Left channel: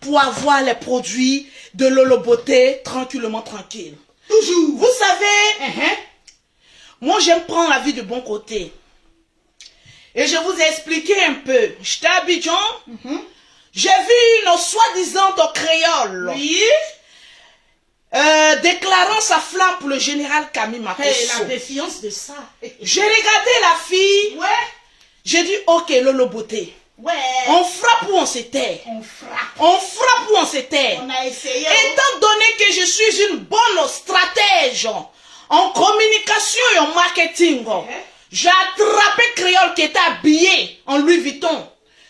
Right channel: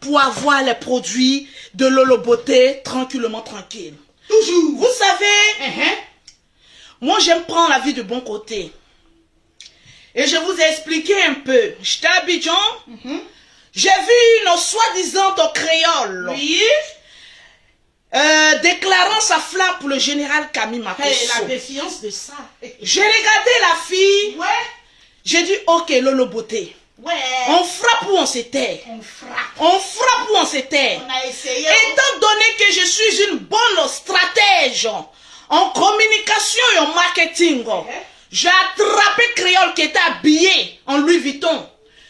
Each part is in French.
pour avoir les produits de Lolo Beauté tranquillement tranquille. Toujours. Vous savez, moi j'aime prendre la vie de bon côté. Et je vous ai expliqué un peu. J'étais à Abidjan, j'ai vu une soi-disant créole. Oui. Déclarant sa flamme pour le général Camille Makosso. Hey, la défiance de ça. J'ai regardé la fille. Ouais. J'ai dit, ok, Lolo Beauté. Ouais. On frappe ou on s'éteint. On frappe. On frappe ou on s'éteint. On a essayé. Étant donné que je suis une bonne stratège en communication et en marketing, j'ai attrapé Créole qui était habillé en Louis Vuitton.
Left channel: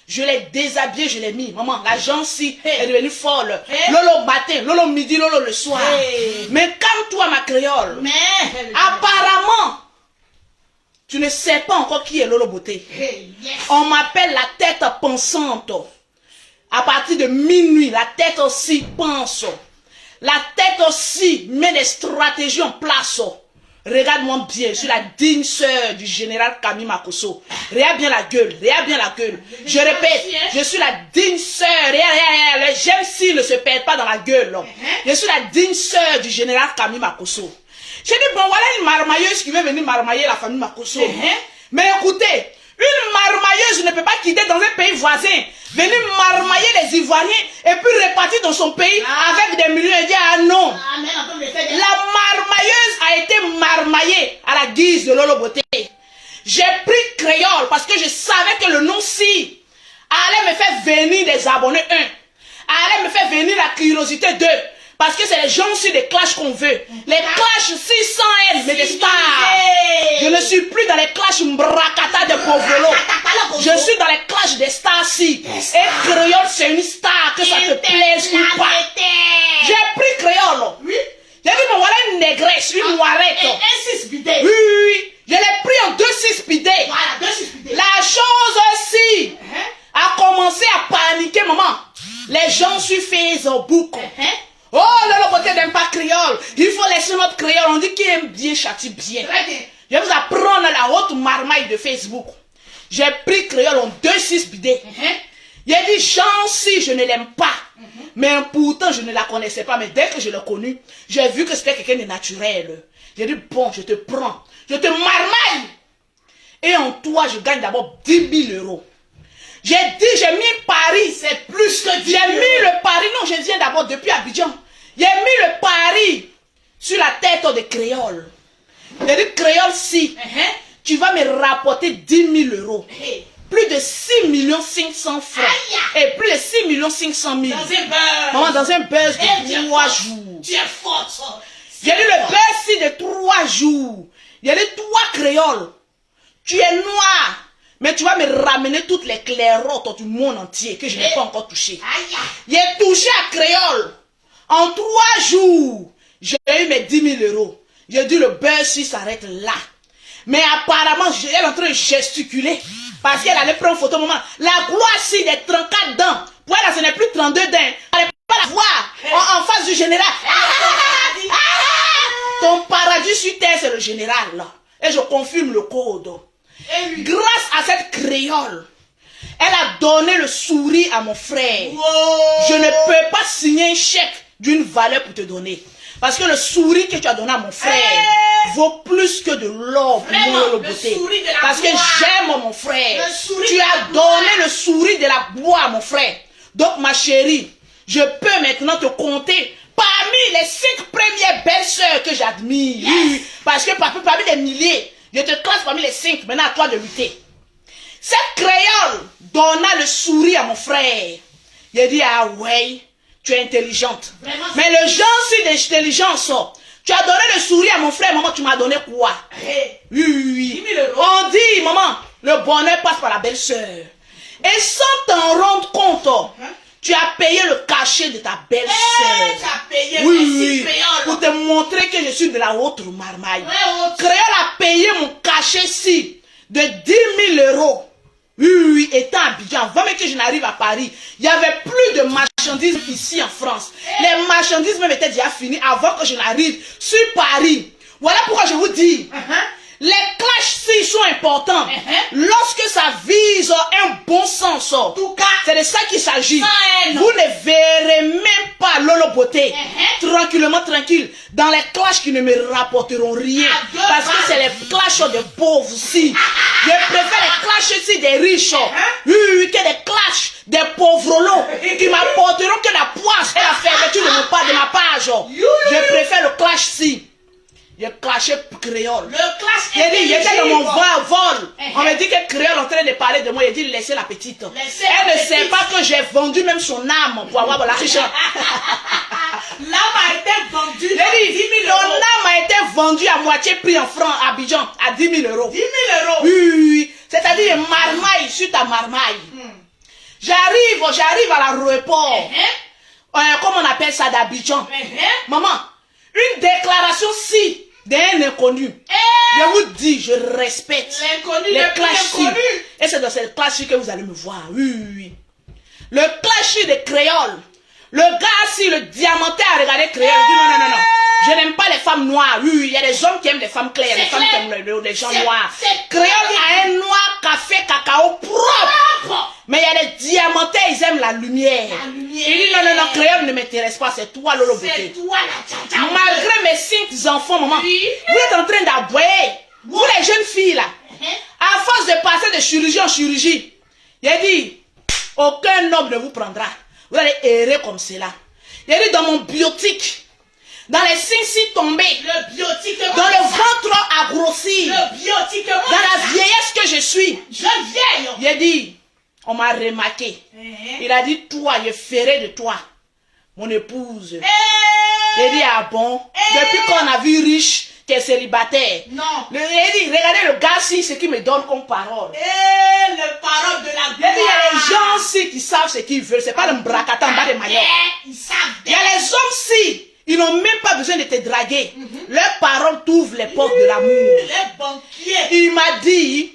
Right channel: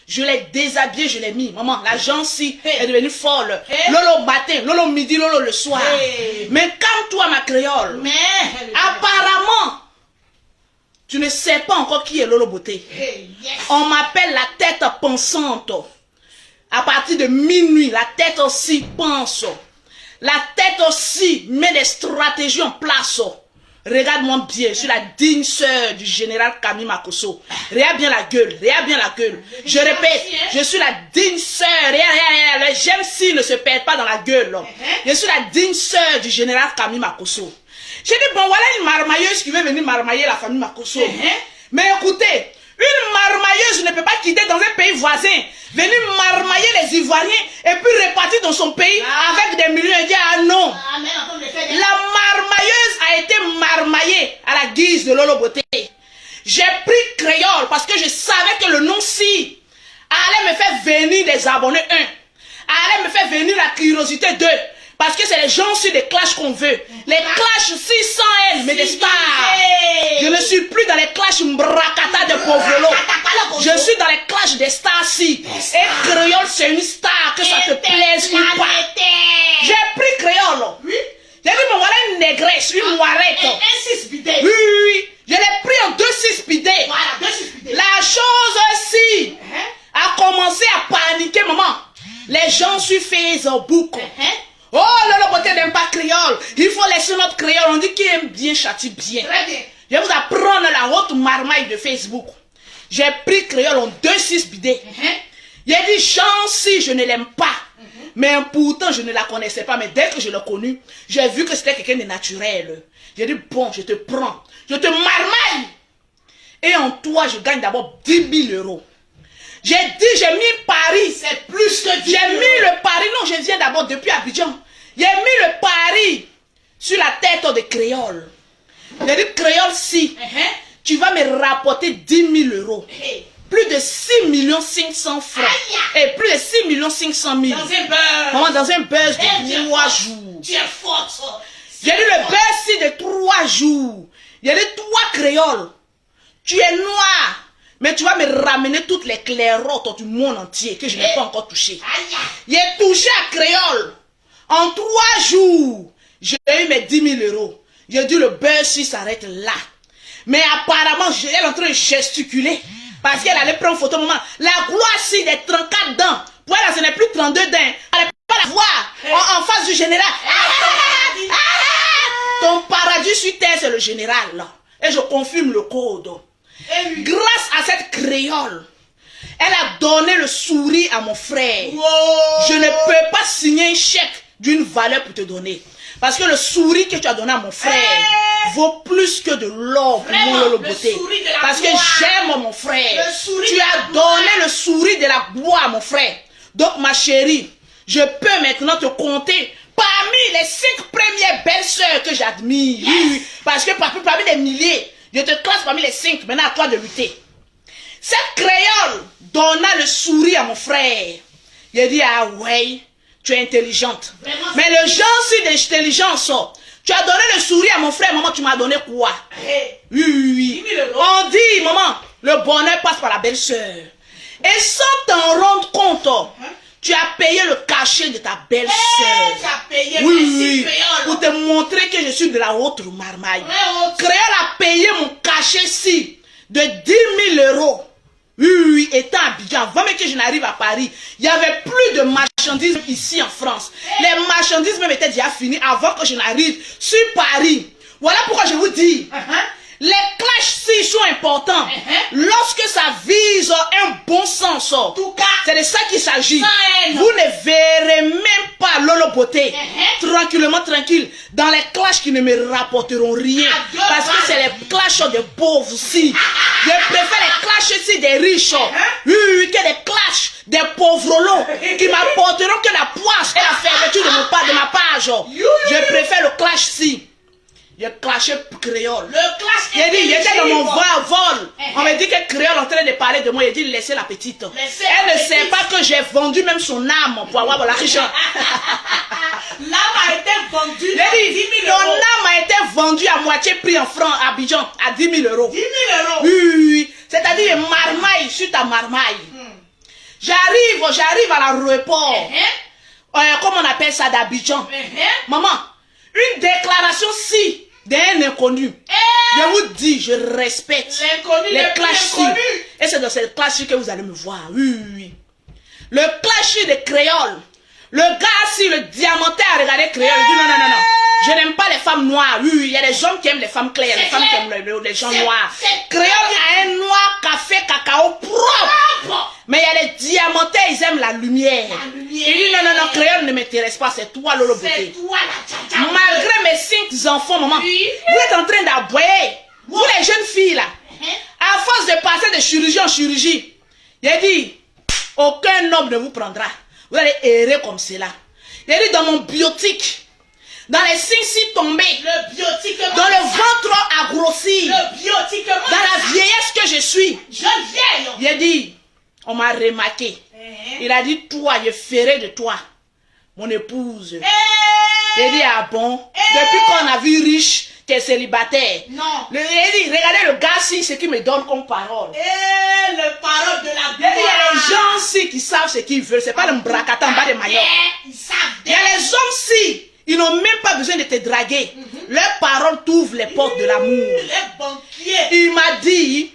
Je l'ai déshabillé, je l'ai mis. Maman, la gentille est devenue folle. Lolo matin, Lolo midi, Lolo le soir. Mais calme-toi, ma Créole. Mais apparemment, tu ne sais pas encore qui est Lolo Beauté. On m'appelle la tête pensante. À partir de minuit, la tête aussi pense. La tête aussi met des stratégies en place. Regarde-moi bien, je suis la digne sœur du général Camille Makosso. Regarde bien la gueule, regarde bien la gueule. Je répète, je suis la digne sœur. Les gemmes si ne se perdent pas dans la gueule. Je suis la digne sœur du général Camille Makosso. J'ai dit, bon, voilà une marmailleuse qui veut venir marmailler la famille Makosso. Mais écoutez, une marmailleuse ne peut pas quitter dans un pays voisin, venir marmailler les Ivoiriens et puis repartir dans son pays avec des millions et dire, ah non. La marmailleuse a été marmaillée à la guise de Lolo Beauté. J'ai pris Créole parce que je savais que le nom-ci allait me faire venir des abonnés 1, allait me faire venir la curiosité 2. Parce que c'est les gens sur des clashs qu'on veut. Les clashs 600 L, mais des stars. Je ne suis plus dans les clashs mbrakata de Povolo. Je suis dans les clashs des stars si. Et Créole, c'est une star, que ça te plaise ou pas. J'ai pris Créole. Oui. J'ai dit, bon, voilà une négresse, une moirette. Un 6 bidé. Oui, oui. Je l'ai pris en 2-6 bidé. Voilà, 2-6 bidé. La chose aussi a commencé à paniquer, maman. Les gens sur Facebook. Oh, Lolo Beauté n'aime pas Créole. Il faut laisser notre Créole. On dit qu'il aime bien, châtie bien. Très bien. Je vais vous apprendre la haute marmaille de Facebook. J'ai pris Créole en 2-6 bidés. Il a dit, Jean, si je ne l'aime pas. Mais pourtant, je ne la connaissais pas. Mais dès que je l'ai connue, j'ai vu que c'était quelqu'un de naturel. J'ai dit, bon, je te prends. Je te marmaille. Et en toi, je gagne d'abord 10 000 euros. J'ai dit, j'ai mis Paris. C'est plus que 10 000 J'ai mis le pari. Non, je viens d'abord depuis Abidjan. J'ai mis le pari sur la tête de Créole. J'ai dit, Créole, si tu vas me rapporter 10 000 euros. Plus de 6 500 000 francs. Et plus de 6 500 000. Dans un buzz. Maman, dans un buzz de 3 jours. Tu es forte. J'ai dit le buzz de 3 jours. J'ai dit, toi, Créole, tu es noir. Mais tu vas me ramener toutes les clairottes du monde entier que je n'ai pas encore touché. J'ai touché à Créole. En 3 jours, j'ai eu mes 10 000 euros. J'ai dit le buzz s'arrête là. Mais apparemment, elle est en train de gesticuler. Parce qu'elle allait prendre photo, maman. La gloire si des 34 dents. Pour elle, ce n'est plus 32 dents. Elle ne peut pas la voir en face du général. Ton paradis sur terre, c'est le général là. Et je confirme le code. Grâce à cette créole, elle a donné le sourire à mon frère. Je ne peux pas signer un chèque d'une valeur pour te donner. Parce que le sourire que tu as donné à mon frère vaut plus que de l'or pour mon Lolo Beauté. Parce que j'aime mon frère. Tu as donné le sourire de la gloire à mon frère. Donc ma chérie, je peux maintenant te compter parmi les 5 premières belles sœurs que j'admire. Parce que parmi les milliers, je te classe parmi les 5. Maintenant à toi de lutter. Cette créole donna le sourire à mon frère. Il a dit, ah ouais, tu es intelligente. Vraiment? Mais le genre si d'intelligence, tu as donné le sourire à mon frère, maman, tu m'as donné quoi? Oui. On dit, maman, le bonheur passe par la belle-sœur. Et sans t'en rendre compte, tu as payé le cachet de ta belle-sœur. Tu as payé oui, pour te montrer que je suis de la haute marmaille. Créole a payé mon cachet-ci de 10 000 euros. Oui, étant à Abidjan, avant même que je n'arrive à Paris, il n'y avait plus de marchandises ici en France. Les marchandises même étaient déjà finies avant que je n'arrive sur Paris. Voilà pourquoi je vous dis, Les clashs sont importants. Lorsque ça vise un bon sens, c'est de ça qu'il s'agit. Vous ne verrez même pas Lolo Beauté tranquillement, tranquille, dans les clashs qui ne me rapporteront rien. Parce que c'est les clashs des pauvres aussi. Je préfère les clashs ici des riches que des clashs des pauvres qui m'apporteront que la poisse et la fermeture de ma page. Je préfère le clash ici. Il a clashé créole. Le clash. Il était dans mon vol. On me dit que créole en train de parler de moi. Il dit laissez la petite. Elle ne sait pas que j'ai vendu même son âme pour avoir la richesse. L'âme a été vendue à 10 000 euros. Ton âme a été vendue à moitié prix en francs à Abidjan à 10 000 euros. 10 000 euros. Oui. C'est-à-dire marmaille sur ta marmaille. J'arrive à l'aéroport. Comment on appelle ça d'Abidjan? Maman, une déclaration si d'un inconnu. Je vous dis, je respecte les clashs. Et c'est dans cette clash que vous allez me voir. Oui. Le clash des créoles. Le gars, si le diamanté a regardé créole, il dit non. Je n'aime pas les femmes noires. Oui, il y a des hommes qui aiment les femmes claires, les femmes qui aiment les gens noirs. Créole a un noir café cacao propre. Mais il y a les diamantés, ils aiment la lumière. Il dit non, créole ne m'intéresse pas, c'est toi Lolo Beauté. Malgré mes 5 enfants, maman, vous êtes en train d'aboyer. Vous les jeunes filles là, à force de passer de chirurgie en chirurgie, il a dit, aucun homme ne vous prendra. Vous allez errer comme cela. Il a dit dans mon biotique, dans les seins tombés, le biotique, dans le ventre à grossir, le biotique, dans la vieillesse que je suis, il a dit, on m'a remarqué. Il a dit, toi, je ferai de toi mon épouse. Il a dit, ah bon, depuis qu'on a vu riche, qui est célibataire. Non. Il a dit, regardez le gars ci, ce qu'il me donne comme parole. Les paroles de la gloire. Il y a les gens ci qui savent ce qu'ils veulent. C'est pas le bracata en bas de Mayotte. Il y a les hommes ci, ils n'ont même pas besoin de te draguer. Leurs paroles t'ouvrent les portes de l'amour. Les banquiers. Il m'a dit,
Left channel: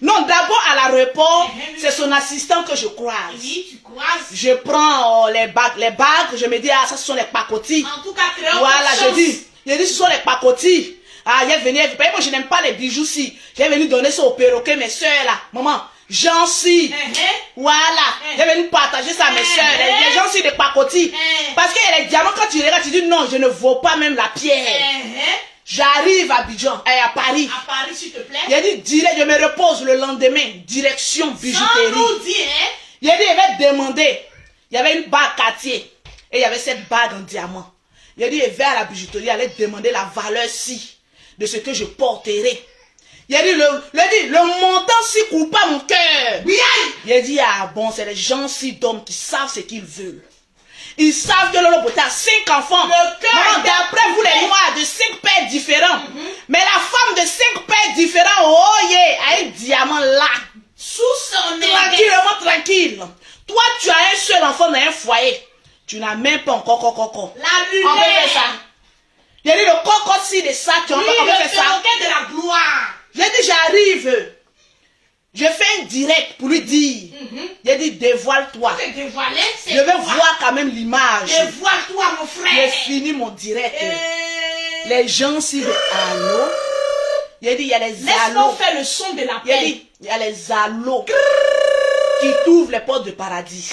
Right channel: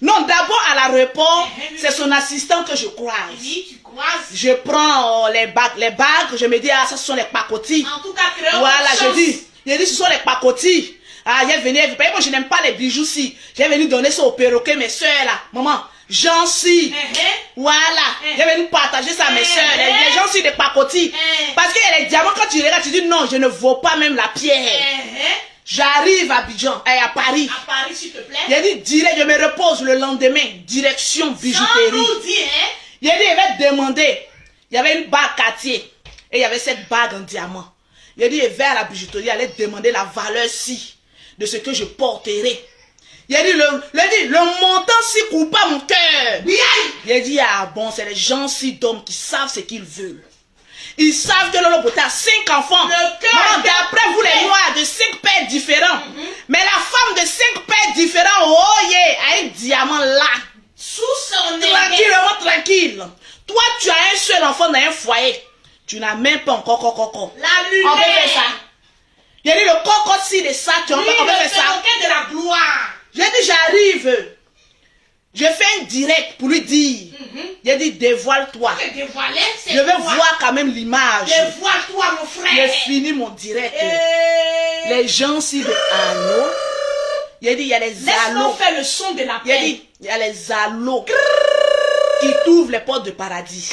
non, d'abord à l'aéroport, c'est son assistant que je croise. Oui, tu croises. Je prends les bagues, je me dis, ah, ça ce sont les pacotis. En tout cas, créole. Voilà, je dis, ce sont les pacotis. Ah, il est venu, moi je n'aime pas les bijoux si. J'ai venu donner ça au perroquet, mes soeurs là. Maman, j'en suis. Voilà, j'ai venu partager ça à mes soeurs. Les gens sont des pacotis. Parce que les diamants, quand tu regardes, tu dis non, je ne vaux pas même la pierre. J'arrive à Abidjan, à Paris. À Paris, s'il te plaît. Il a dit, direct, je me repose le lendemain, direction bijouterie. Il a dit, il va demander. Il y avait une bague Cartier. Et il y avait cette bague en diamant. Il a dit, il va à la bijouterie, il allait demander la valeur si de ce que je porterai. Il a dit, le montant si coupe pas mon cœur. Il a dit, ah bon, c'est les gens si d'hommes qui savent ce qu'ils veulent. Ils savent que Lolo Beauté a 5 enfants. D'après vous les noirs, de 5 pères différents. Mais la femme de 5 pères différents, oh yeah, a un diamant là. Sous son nez. Tranquille. Toi, tu as un seul enfant dans un foyer. Tu n'as même pas encore coco. La lumière. On peut faire ça. Il a dit le coco si de ça, on peut faire ça. De la gloire. J'ai dit, j'arrive. Je fais un direct pour lui dire. Il a dit, dévoile-toi. Je vais voir quand même l'image. Dévoile-toi, mon frère. J'ai fini mon direct. Les gens, si le allô. Il a dit, il y a les allos. Laisse-moi faire le son de la paix. Il a dit, il y a les allos qui t'ouvrent les portes de paradis.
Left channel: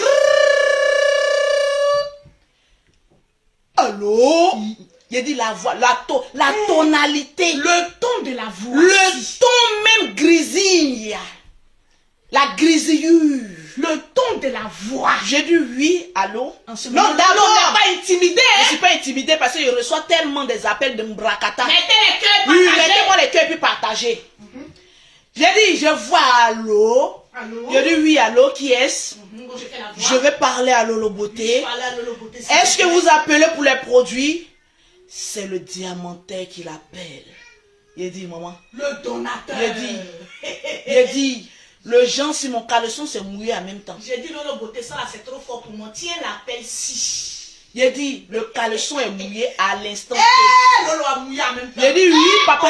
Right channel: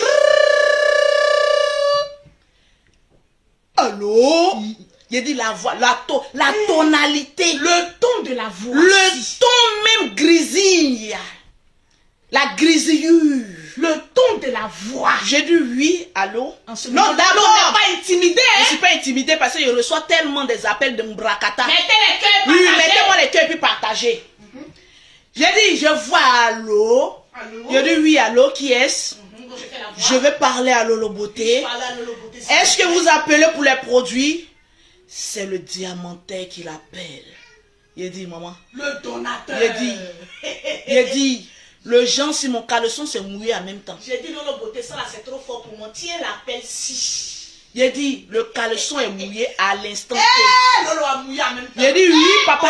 Allô? Il a dit la voix, la tonalité. Le ton de la voix. Le ton même grisille. La grisillure. Le ton de la voix. J'ai dit oui, allô? Non, d'abord. On n'est pas intimidé. Je ne suis pas intimidé parce que je reçois tellement des appels de Mbrakata. Mettez les cœurs partagés. Oui, mettez-moi les cœurs puis partagez. J'ai dit, je vois allô. J'ai dit oui, allô, qui est-ce? Je vais parler à Lolo Beauté. Est-ce que vous appelez pour les produits? C'est le diamantaire qui l'appelle. Il a dit, maman. Le donateur. Il a dit, le gens sur mon caleçon s'est mouillé en même temps. J'ai dit, Lolo Beauté, ça là c'est trop fort pour moi. Tiens l'appel si. Il a dit, le caleçon est mouillé à l'instant. Lolo a mouillé en même temps. Il a dit, oui, papa.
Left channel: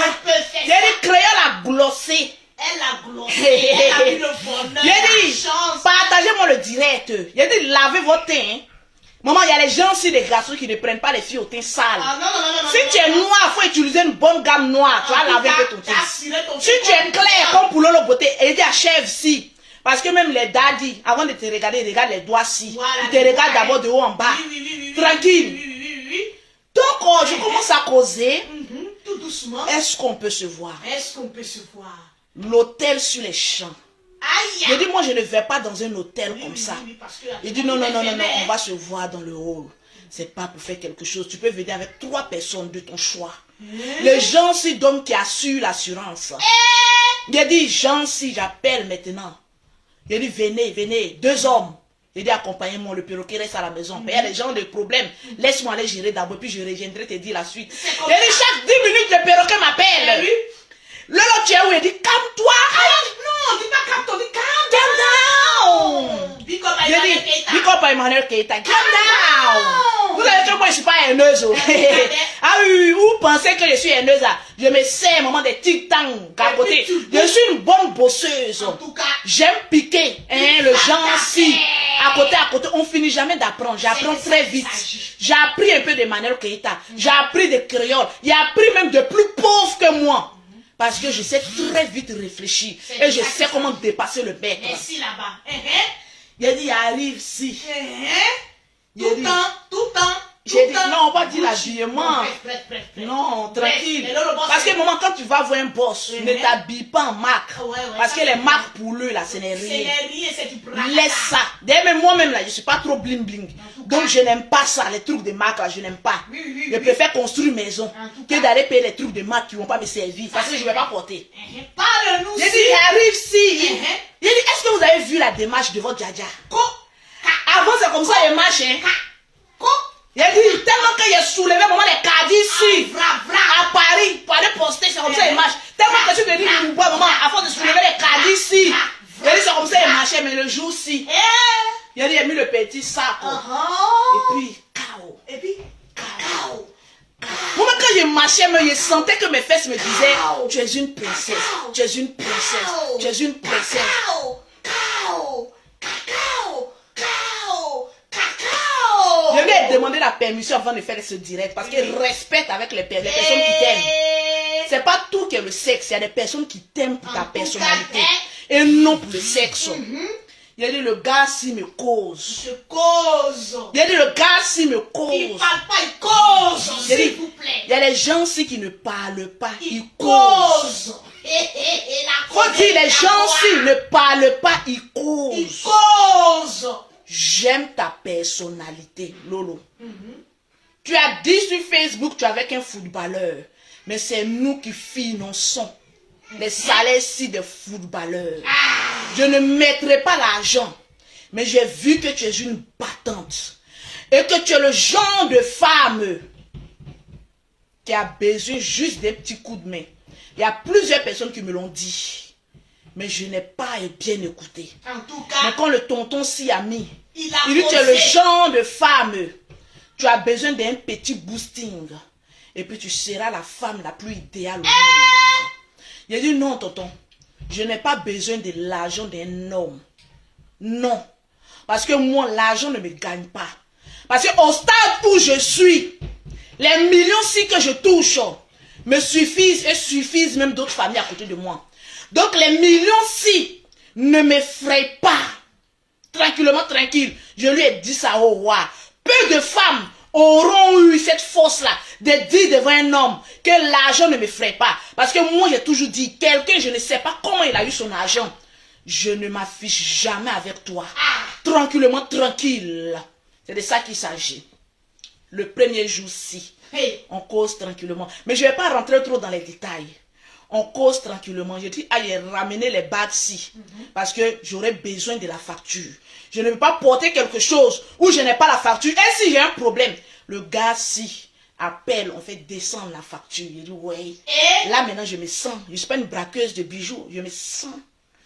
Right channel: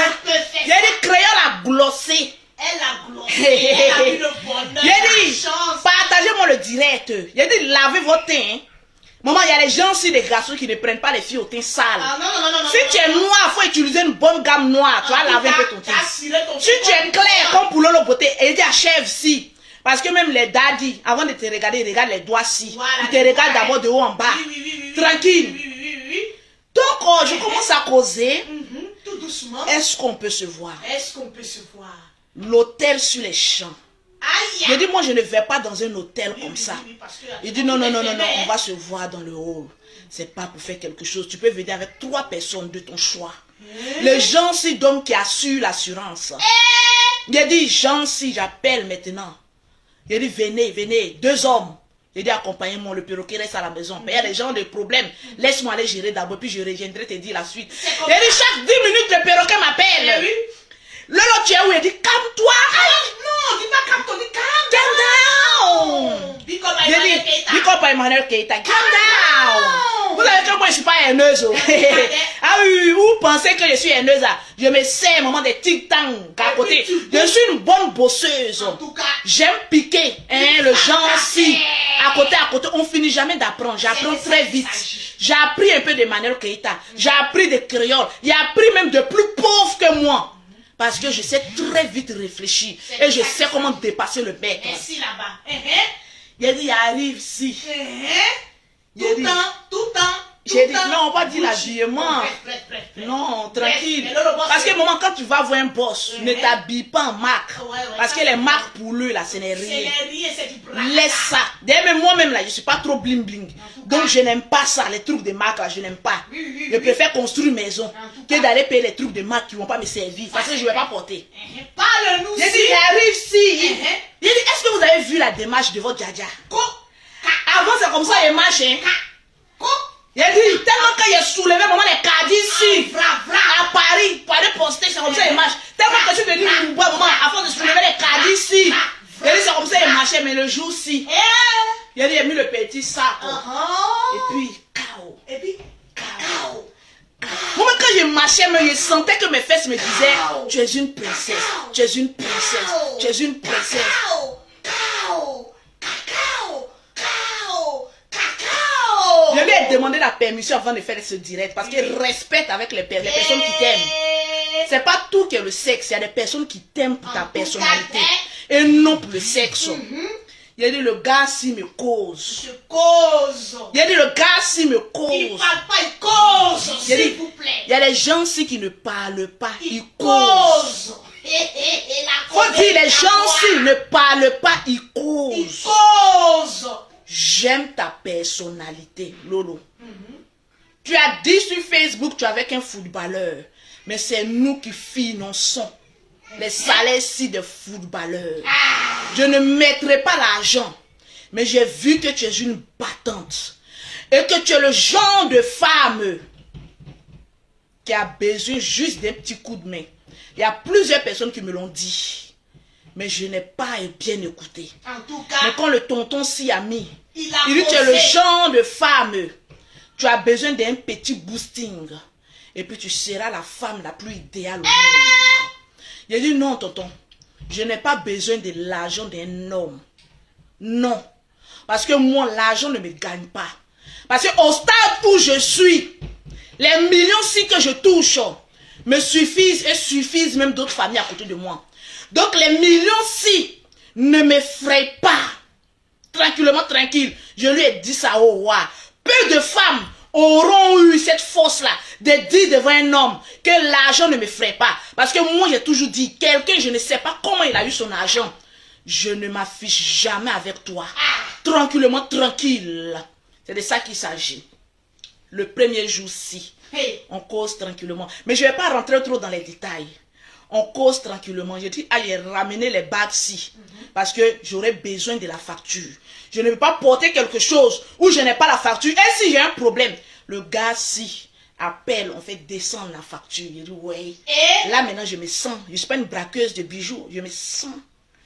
Il a dit, créole a glossé. Elle a glossé. Elle a eu le bonheur. Il a dit, partagez-moi le direct. Il a dit, lavez votre teint. Maman, il y a les gens aussi, les garçons qui ne prennent pas les filles au teint sale. Ah, non. Si tu es noir, il faut utiliser une bonne gamme noire. Tu vas laver un peu ton teint. Si tu es clair comme pour l'eau beauté, et dit achève si. Parce que même les daddies, avant de te regarder, ils regardent les doigts si. Voilà, ils te regardent d'abord de haut en bas. Oui. Tranquille. Oui. Donc, je commence à causer. Tout doucement. Est-ce qu'on peut se voir? Est-ce qu'on peut se voir? L'hôtel sur les champs. Aïe. Je dis, moi, je ne vais pas dans un hôtel comme ça. Parce que Il dit, non, on va se voir dans le hall. C'est pas pour faire quelque chose. Tu peux venir avec 3 personnes de ton choix. Les gens, si d'hommes qui assurent l'assurance. Il a dit, gens, si j'appelle maintenant. Il a dit, venez, 2 hommes. Il dit, accompagnez-moi, le perroquet reste à la maison. Il y a des gens de problèmes. Laisse-moi aller gérer d'abord, puis je reviendrai te dire la suite. Il a dit, chaque 10 minutes, le perroquet m'appelle. Lolo, tu es où? Il dit, calme-toi. Non, dis pas calme-toi, dis Calm down. Big up Emmanuel Keita. Calm down. Vous savez que moi, je ne suis pas haineuse. Ah oui, vous pensez que je suis haineuse? Je me sais, maman, des titans à côté. Je suis une bonne bosseuse. En tout cas, j'aime piquer, le genre si. À côté, on finit jamais d'apprendre. J'apprends très vite. J'ai appris un peu d'Emmanuel Keita. J'ai appris des créoles. J'ai appris même de plus pauvres que moi. Parce que je sais très vite réfléchir. Et je sais comment dépasser le bec. Ici, là-bas. Il a dit, il arrive ici. Tout le temps. J'ai dit, non, on va dire l'habillement. Non, tranquille. Parce que maman, quand tu vas voir un boss, ne t'habille pas en marque. Parce que les marques pour lui, là, ce n'est rien. Laisse ça. D'ailleurs, moi-même, là, je ne suis pas trop bling bling. Donc, je n'aime pas ça, les trucs de marque, là, je n'aime pas. Je préfère construire une maison que d'aller payer les trucs de marque qui ne vont pas me servir. Parce que je ne vais pas porter. Parle-nous. J'ai dit, il arrive ici. J'ai dit, est-ce que vous avez vu la démarche de votre djadja? Avant, c'est comme ça, il marche, hein. Il a dit, tellement qu'il a soulevé maman les caddies ici, à Paris, pour aller poster, c'est comme ça il marche. Tellement que je suis venu nous voir maman, à force de soulever les caddies ici. Il a dit, c'est comme ça il marchait, mais le jour-ci, il a dit, il a mis le petit sac. Et puis, chaos. Moi, quand je marchais, je sentais que mes fesses me disaient, tu es une princesse, tu es une princesse, tu es une princesse. Je lui ai demandé la permission avant de faire ce direct parce qu'il respecte avec les personnes qui t'aiment. C'est pas tout qui est le sexe, il y a des personnes qui t'aiment pour ta personnalité et non pour le sexe. Il a dit le gars si me cause. Il a dit le gars si me cause. Il parle pas, il cause, s'il vous plaît. Il y a des gens aussi qui ne parlent pas, ils causent. Faut dire les gens si ne parlent pas, ils causent. J'aime ta personnalité, Lolo. Tu as dit sur Facebook, tu es avec un footballeur. Mais c'est nous qui finançons les salaires-ci de footballeurs. Je ne mettrai pas l'argent. Mais j'ai vu que tu es une battante. Et que tu es le genre de femme qui a besoin juste d'un petit coup de main. Il y a plusieurs personnes qui me l'ont dit. Mais je n'ai pas bien écouté. En tout cas, mais quand le tonton s'y a mis, il dit, tu posé. es le genre de femme, tu as besoin d'un petit boosting. Et puis tu seras la femme la plus idéale au monde. Il a dit, non, tonton, je n'ai pas besoin de l'argent d'un homme. Non. Parce que moi, l'argent ne me gagne pas. Parce qu'au stade où je suis, les millions-ci que je touche me suffisent et suffisent même d'autres familles à côté de moi. Donc les millions-ci ne m'effraient pas. Tranquillement, tranquille. Je lui ai dit ça au roi. Peu de femmes auront eu cette force-là de dire devant un homme que l'argent ne m'effraie pas. Parce que moi, j'ai toujours dit, quelqu'un, je ne sais pas comment il a eu son argent. Je ne m'affiche jamais avec toi. Tranquillement, tranquille. C'est de ça qu'il s'agit. Le premier jour-ci, on cause tranquillement. Mais je ne vais pas rentrer trop dans les détails. On cause tranquillement. J'ai dit, allez ramener les bagues-ci. Parce que j'aurais besoin de la facture. Je ne veux pas porter quelque chose où je n'ai pas la facture. Et si j'ai un problème, le gars-ci appelle, on fait descendre la facture. Il dit, ouais. Là, maintenant, je me sens. Je ne suis pas une braqueuse de bijoux. Je me sens.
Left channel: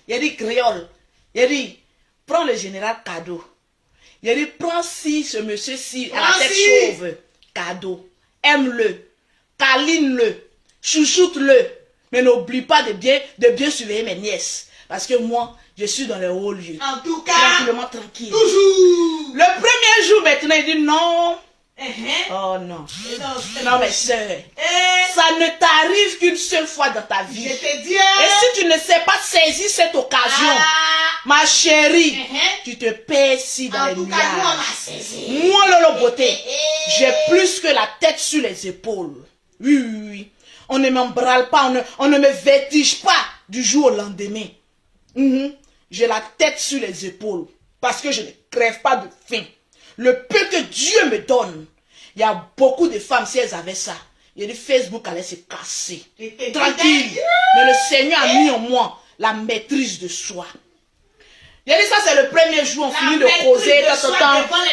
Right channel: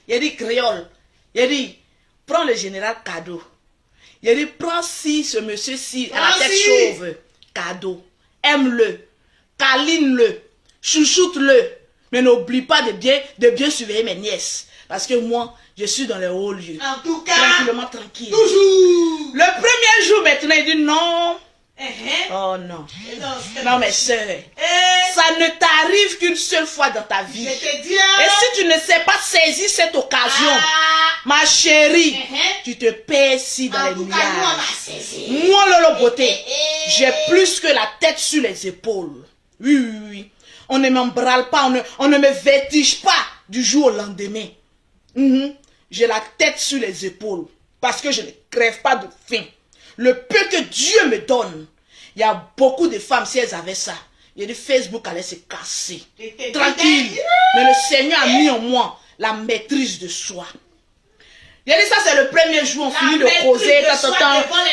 Il a dit, créole. Il a dit, prends le général cadeau. Il a dit, prends si ce monsieur-ci à la tête chauve. Cadeau. Aime-le. Câline-le. Chouchoute-le. Mais n'oublie pas de bien surveiller mes nièces. Parce que moi, Je suis dans les hauts lieux. En tout cas, Tranquillement, tranquille. toujours. Le premier jour, maintenant, il dit non. Uh-huh. Oh non. Et non, Non, mais sœur, ça ne t'arrive qu'une seule fois dans ta vie. je Et te dis, hein, si tu ne sais pas saisir cette occasion, ah, ma chérie, uh-huh. tu te perds ici dans En les tout cas, nous, on nuages. a saisi. Moi, Lolo Beauté, j'ai plus que la tête sur les épaules. Oui, oui, oui. On ne m'embralle pas, on ne me vertige pas du jour au lendemain. J'ai la tête sur les épaules parce que je ne crève pas de faim. Le peu que Dieu me donne, il y a beaucoup de femmes, si elles avaient ça, il y a du Facebook allait se casser. Tranquille. Mais le Seigneur a mis en moi la maîtrise de soi. Il a dit ça, c'est le premier jour, on finit de causer,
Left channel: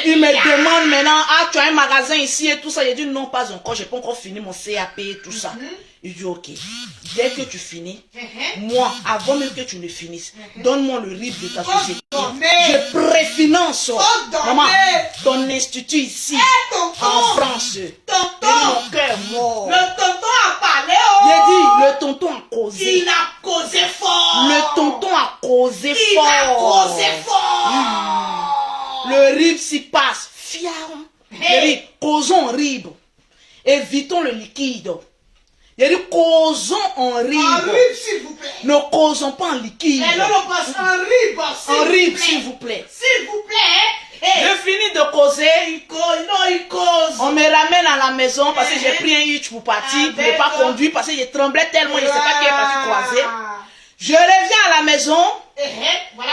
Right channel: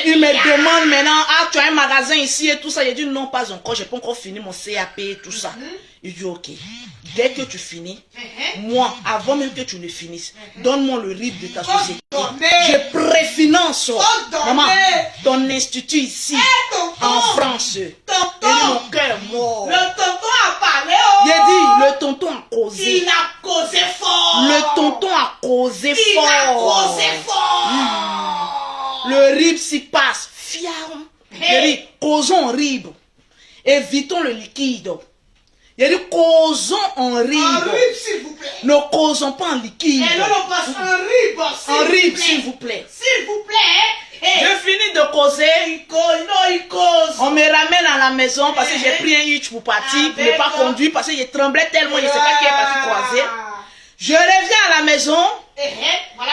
il me demande maintenant, ah, tu as un magasin ici et tout ça. Il dit non, pas encore, j'ai pas encore fini mon CAP et tout ça. Il dit ok, dès que tu finis, moi, avant même que tu ne finisses, donne-moi le RIB de ta société. Je préfinance, maman, ton institut ici, en France. Et mon cœur mort. Le tonton a parlé, Il a dit, le tonton a causé. Il a causé fort. Le tonton a causé Il fort. a causé fort. Le RIB s'y passe. Fiam. Il a dit, causons en RIB. Évitons le liquide. Il a dit, causons en RIB. En RIB, s'il vous plaît. Ne causons pas en liquide. Et non, non, passe en RIB, En RIB, s'il vous plaît. S'il vous plaît. Hey. Je finis de causer. Il cause, non, il cause. On me ramène à la maison parce que j'ai pris un hitch pour partir, pour ne pas conduire, parce que je tremblais tellement, je ne sais pas qui est parti croiser. Je reviens à la maison. Voilà,